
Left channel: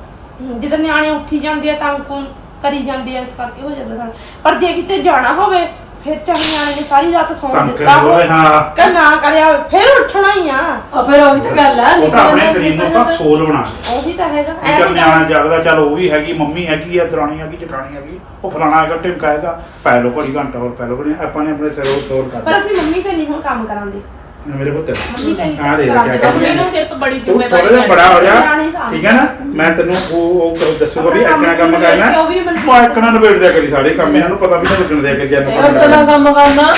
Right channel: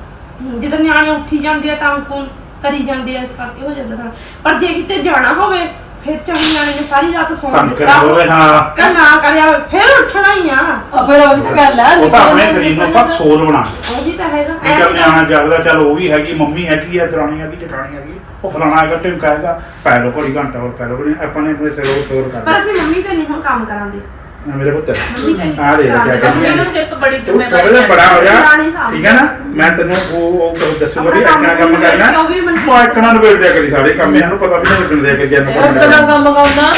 ਜਦੋਂ ਨਿਆਣੇ ਉੱਠੀ ਜਾਂਦੇ ਆ ਤਾਂ ਫੋਨ ਕਰੀ ਜਾਂਦੇ ਆ ਇਸ ਕਰਕੇ ਹੋ ਜਾਂਦਾ ਸਾਨੂੰ। ਪਰ ਜੇ ਕਿਤੇ ਜਾਣਾ ਹੋਵੇ ਫਿਰ ਚਾਹੇ ਨਿਆਣੇ ਨੇ ਸਾਰੀ ਰਾਤ ਸੌਂ ਤੰਕ ਦਿੱਤਾ ਹੋਵੇ। ਹਾਂ। ਕਿ ਨਾ ਕਰਿਆ ਹੋਵੇ, ਫਿਰ ਉੱਠਣਾ ਹੀ ਆ। ਆ ਫਿਰ ਉਹੀ ਤਾਂ ਗੱਲ ਆ ਉਹ ਤਾਂ ਆਪਣੇ ਸਰੀਰ ਨੂੰ ਆਪਾਂ ਸੋਲ ਬਣਾ ਲਿਆ ਉਹੀ ਤਾਂ ਹੈਗਾ ਵੀ ਚੱਲ ਨਿਆਣਾ ਜਾਗਦਾ ਚੱਲ ਉਹ ਵੀ ਹੈਗੀ ਮੰਮੀ ਹੈਗੀ ਆ ਦਰਾਣੀ ਹੈਗੀ ਜਠਾਣੀ ਹੈਗੀ। ਉਹ ਫਲਾਣਾ ਹੈਗਾ ਟਿਮਕਾਏਗਾ ਪੈ ਲੋ ਘੜੀ ਘੰਟਾ ਹੋਰ ਪੈ ਲੋ ਘੜੀ ਆਪਾਂ ਨੇ ਆਪਣੇ ਸਿਰ ਉਹ ਤੋਰ ਕਰ ਪਰ ਅਸੀਂ ਮੰਮੀ ਤੇ ਨਹੀਂ ਹੁਣ ਕੰਮ ਕਰਾਂਦੇ। ਮੇਰੇ ਪੁੱਤ। ਮੰਮੀ ਤੇ ਆ ਦੇ ਕਿਆ ਕਹਿੰਦੀ ਮੈਨੂੰ ਸਿਰਫ ਬੜੀ ਤੂੰ ਥੋੜਾ ਜ਼ਿੰਮੇਵਾਰੀ ਜਿਹਾ ਬੜਾ ਹੋ ਜਾ। ਦਰਾਣੀ ਸਾਂਭ ਠੀਕ ਹੈ ਨਾ? ਮੈਂ ਤੈਨੂੰ ਉਹ ਉਹ ਕਰ- ਦੱਸੂਗਾ ਵੀ ਆਪਣਾ ਇੱਕਣਾ ਕੰਮ ਕੰਮ ਕਰਨਾ। ਉਹ ਵੀ ਮੈਨੂੰ- ਮੈਂ ਇੱਕਣਾ ਨਿਬੇੜ ਦਿਆ ਕਰੀ ਸਾਰੇ ਕੰਮ। ਇਹਨੂੰ ਪਤਾ ਵੀ ਨਹੀਂ ਲੱਗਣ ਦਿਆ ਕਰੀ ਜਾਨੂੰ ਉਹ ਤਾਂ ਕੰਮ ਕਰਨਾ।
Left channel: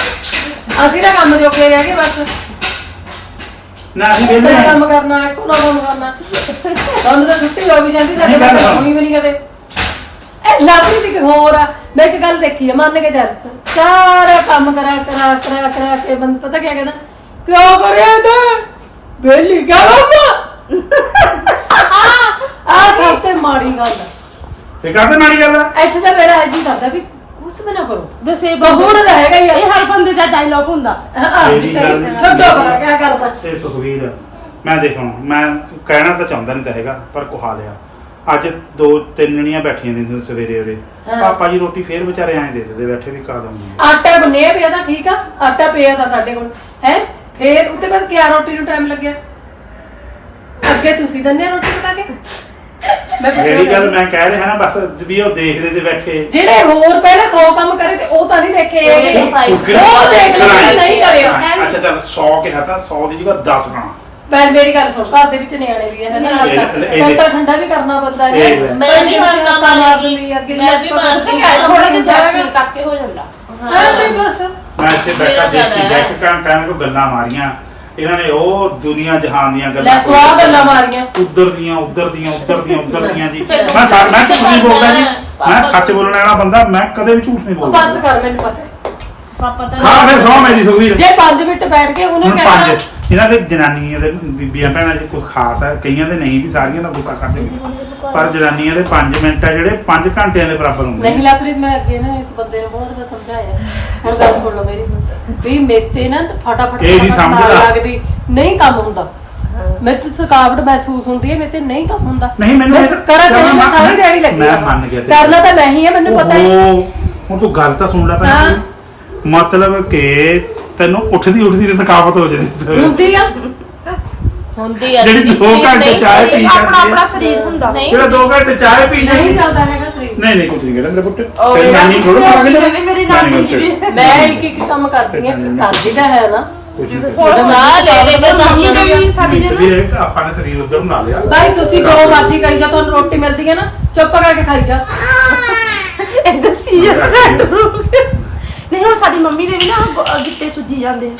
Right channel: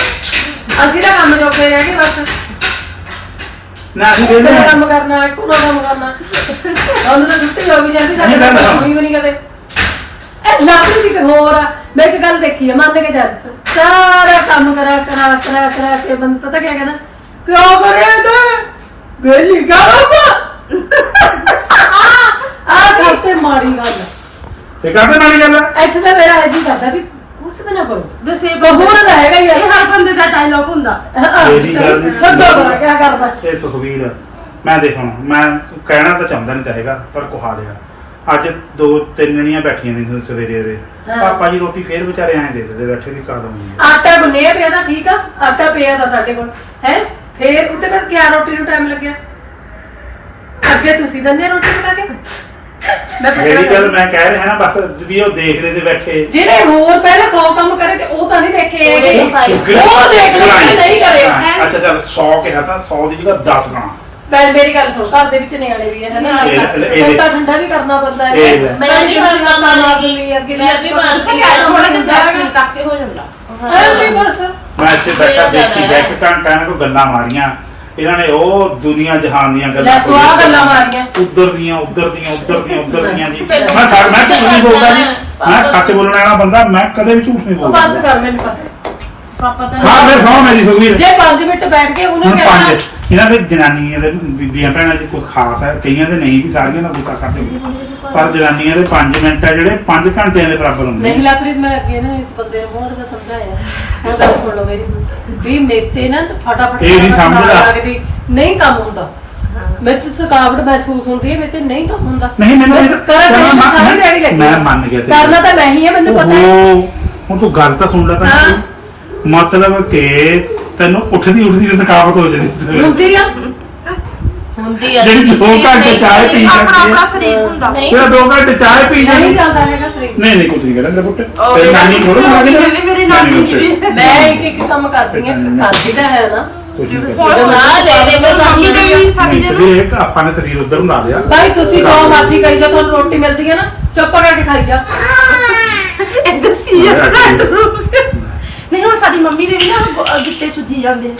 ਅਸੀਂ ਤਾਂ ਕੰਮ ਜੋਗੇ ਰਹਿ ਗਏ ਬਸ। ਨਾ ਅਸੀਂ ਤੇਰੇ ਵੇਲੇ ਕੰਮ ਕਰਨਾ ਇੱਕੋ ਨਾ ਕੰਮ ਕਰਨਾ। ਸਾਨੂੰ ਤਾਂ ਛੁੱਟੀ ਹੋ ਵੀ ਜਾਂਦੀ ਸਾਡੇ ਨਹੀਂ, ਨਾਲ ਗੱਲ ਹੋਣੀ ਵੀ ਨਹੀਂ ਕਦੇ। ਇਹ ਲਾਪਰੀ ਦੀ ਇੱਕ ਹੋਰ ਆ। ਮੈਂ ਇੱਕ ਗੱਲ ਦੇਖੀ ਆ ਮੰਨ ਕੇ ਚੱਲ। ਸਾਰਾ ਕੰਮ ਕਰਾ ਕਰਾ ਕਰਾ ਕਰਾ ਕੇ ਬੰਦ ਪਤਾ ਕੀ ਕਹਿੰਦਾ? ਕਿਉਂ ਕਰਿਆ ਤੇ। ਬੇਲੀ ਕੰਮ ਆ ਆ ਸਭ ਤੇ ਮਾੜੀ ਗੱਲ ਆ। ਤੇ ਕਾਹਦੇ ਨਾਲ ਗੱਲ ਆ? ਇੱਥੇ ਤਾਂ ਮੇਰਾ ਇਹ ਜੀ ਕਰਦਾ ਵੀ ਕੁਛ ਵੀ ਨਾ ਕਰੋ। ਵੈਸੇ ਇਹ ਬਹੂਣ ਦਾ ਹੈਗਾ ਹੀ ਆ। ਇਹ ਹਰ ਬੰਦੇ ਦਾ ਡਾਇਲੌਗ ਹੁੰਦਾ। ਮੇਰੀ ਗੱਲ ਨਹੀਂ ਛੱਡੋ ਬਰਾ ਕਿਆ ਕਰਦਾ? ਤੇ ਸੁਖਵੀਰ ਮੈਂ ਦੇਖੋ ਮੈਂ ਕਹਿਣਾ ਤਾਂ ਚਾਹੁੰਦਾ ਨਹੀਂ ਤਾਂ ਹੈਗਾ ਪਰ ਕੁਹਾ ਲਿਆ ਅੱਜ ਦੋ ਤਿੰਨ ਜਣੀਆਂ ਬੈਠੀਆਂ ਨੇ ਸਵੇਰੇ ਉਹਦੇ। ਹਾਂ। ਪਾਪਾ ਜੀ ਰੋਟੀ ਫੇਰ ਵਿਚਾਰੇ ਐਂ ਦੇ ਦਿੰਦੇ ਬੈਠੇ ਵੀ ਕਾ ਦਊਂਗੀ ਆਟਾ ਗੁੰਨਿਆ ਪਿਆ ਤਾਂ ਠੀਕ ਆ ਆਟਾ ਪਿਆ ਤਾਂ ਸਾਡੇ ਕੋਲ ਹੈ? ਫੇਰ ਉੱਤੇ ਕਰ ਕਿਆ ਰੋਟੀ ਨੂੰ ਟਾਈਮ ਲੱਗਿਆ? ਅੱਗੇ ਤੁਸੀਂ ਦੰਨੇ ਰੋਟੀ ਪਕਾ ਕੇ? ਮੈਂ ਮੇਰੀ ਗੱਲ। ਮੈਂ ਕਹਿ ਰਿਹਾ ਨਾ ਬਸ ਵੀ ਉਹ ਦੇਖਦੇ ਤੇ ਬੈਠੇ। ਜਿਹੜੇ ਹੋਰ ਪਹਿਲਾਂ 100 ਕੰਮ ਕਰੇ ਤੇ ਉਹ ਤਾਂ ਨਹੀਂ ਦੇਖੇ ਹੈਗੇ। ਸਫ਼ਾਈ। ਉਹ ਦੇਖ ਲਓ ਕਿ ਨਹੀਂ ਕਰਿਆ ਅੱਛਾ ਚੱਲ 100 ਕਿਹਾ ਤਾਂ 100 ਦੀ ਜਗ੍ਹਾ 10 ਬਣਾ। ਮੈਂ ਮੇਰੀ ਗੱਲ ਸੁਣ ਘਰ ਦੇ ਵਿੱਚ ਨਿਆਣੇ ਵੀ ਹੈ ਨਾ ਇਹ- ਇਹ- ਤਾਂ ਠੰਡਾ ਵੀ ਕਰਨਾ ਪੈਂਦਾ ਹੈ। ਇਹ। ਮੈਂ ਵੀ ਹੁਣ ਕੰਮ ਲਾਉਂਗੀ ਲਾਉਂਗੀ। ਅੱਗੇ ਮੈਂ ਵੀ ਬਣ ਠੀਕ ਹੈ ਥੋੜੇ ਜਿਹੇ ਦਰਸ਼ਨ ਕਰਕੇ ਹੋ ਜਾਂਦਾ। ਹਾਂ ਬਸ। ਮੈਂ ਇੱਥੇ ਬੈਠਾ ਦੇਖੀ। ਬੈਠ ਕੇ ਟਾਈਮ ਕੋ ਗੱਲਾਂ ਮਾਰੀਆਂ। ਇਹਨਾਂ ਨੇ ਉਹ ਦੁਨੀਆ ਜਹਾਨ ਦੀਆਂ ਲੈ ਗੱਲਾਂ ਸਵਾਹ ਗੱਲਾਂ ਮਾਰੀਆਂ। ਉੱਧਰ ਦੀਆਂ ਉੱਧਰ ਦੀਆਂ ਉੱਧਰ ਦੀਆਂ ਉੱਧਰ ਦੀਆਂ ਜੀ। ਮੈਂ ਸੱਚ ਮੈਂ ਝੂਠ ਨਹੀਂ ਬੋਲਦਾ ਜੀ। ਮੈਂ ਸੱਚ ਬੋਲਣ ਵਾਲਾ ਬੰਦਾ ਮੈਂ ਕਦੇ ਵੀ ਝੂਠ ਨਹੀਂ ਉਹ ਬੋਲਦਾ। ਬਸ ਕਰ ਮੈਨੂੰ ਪਤਾ ਪਾਪਾ ਤਾਂ ਹਾਂ ਫਿਰ ਸੌ ਮੇਰੀ ਸੁਖਵੀਰ ਜੇ 5 ਮਿੰਟ ਬੈਠ ਕੇ ਉਹਨੇ ਹੁਣ ਕਹਿਣਾ ਪੰਜ। ਇਹਨਾਂ ਦੇ ਜਨਾਨੀਆਂ ਦੇ ਬੀਬੀਆਂ ਭੈਣਾਂ ਦੀ ਕੋਈ ਖਾਸ ਹੈ। ਕਈਆਂ ਦੇ ਨਹੀਂ ਵੀ ਸਾਰੀਆਂ ਦਾ ਗੁੱਸਾ ਕਰਦੇ ਪਰ ਜਨਾਨੀਆਂ ਦੇ 5 ਮਿੰਟ ਆ ਜਿਹੜੇ 5 ਘੰਟਿਆਂ ਦੇ ਬਰਾਬਰ ਹੁੰਦੇ ਨਹੀਂ ਲਾਪ੍ਰੀਤ ਮੈਂ ਅੱਗੇ ਨਾ ਇਸ ਬੰਦੇ ਨੂੰ ਬਹੁਤ ਵਾਰ ਸਮਝਾਇਆ। ਹੁਣ ਗੱਲ ਸੁਣ ਲਓ ਮੇਰੀ। ਵੀ ਮੇਤੇ ਨਾ ਫਟਾਫਟ ਇਹ ਨਹੀਂ ਸਮਝਦਾ। ਲੱਗਦੀ। ਨਹੀਂ ਕੰਮ ਹੁੰਦਾ। ਮੈਂ ਤੇ ਥਕਾਵਟ ਮਹਿਸੂਸ ਹੁੰਦੀ ਹੈ ਮੇਤੇ ਨਹੀਂ ਕੰਮ ਹੁੰਦਾ। ਨਹੀਂ, ਮੈਨੂੰ ਬਸ ਕਰਾਂ ਮੈਂ- ਸਾਰੀ ਦਿਹਾੜੀ ਲੱਗੀ ਮੈਂ। ਮੰਨ ਗਿਆ ਕਰਨਾ ਤਾਂ ਮੈਂ ਹੀ ਆ ਮੈਨੂੰ ਪਤਾ ਹੈ। ਹੁਣ ਤੂੰ ਗੱਲ ਤਾਂ ਸੁਣ ਲੈ ਹਾਂ। ਪਹਿਲਾਂ ਮਤਲਬ ਕਿ ਤੈਨੂੰ ਉੱਠਦੀ ਉੱਠਦੀ ਤੇ ਥਕਾਵਟ ਹੋ ਜਾਂਦੀ ਹੁੰਦੀ ਆ। ਹੁੰਦੀ ਆ ਜਿਹੜੀ ਦੀਦੀ, ਦੋ ਘੰਟੇ ਨਹੀਂ ਚਾਹ ਪੀ ਜਾਂਦੀ ਆਪਣਾ ਹੈ ਸਰੀਰ ਹੁੰਦਾ। ਨਹੀਂ। ਜਿਹੜਾ 2 ਘੰਟੇ ਚਾਹ ਪੀ ਨਹੀਂ ਜਾਂਦੀ। ਚੱਲਦਾ ਹੈਗਾ ਸਰੀਰ। ਨਹੀਂ ਨਹੀਂ ਕੁਝ ਨਹੀਂ ਕਹਿੰਦਾ ਮੇਰੇ ਪੁੱਤ। ਤੇਰੀ ਨਾਨੀ ਮੇਰੀ ਵੀ। ਮੈਂ ਇੱਕ ਇੱਕ ਕੰਮ ਕਰਦੀ ਆ ਕਰਦੀ ਤਾਂ ਹੈ ਨਾ। ਕੁਝ ਨਹੀਂ ਕਹਿੰਦਾ ਸਾਹ ਲੈ ਲੈ ਕੇ ਮੰਮੀ ਨੇ ਵੀ ਸਾਡੀ ਸਵੇਰੇ ਆਪਾਂ ਨੇ ਸਰੀਰ ਉਧਰ ਬਣਾ ਲਿਆ। ਭਾਈ ਤੁਸੀਂ ਜੋ ਮਰਜ਼ੀ ਖਾਈ ਜਾ ਤੁਹਾਨੂੰ ਰੋਟੀ ਮਿਲਦੀ ਹੈ ਨਾ ਚੁੱਪ ਕਰਕੇ ਖਾਈ ਜਾ। ਇੱਧਰ ਸੀਰੀਅਸ ਬੈਡਰੂਮ ਨਹੀਂ ਹੁਣ ਸਾਡੀ ਮੰਮੀ ਦੇ ਵੀ ਨਾ ਗਿੱਟੇ ਸੁੱਜੀ ਜਾਂਦੇ ਨੇ।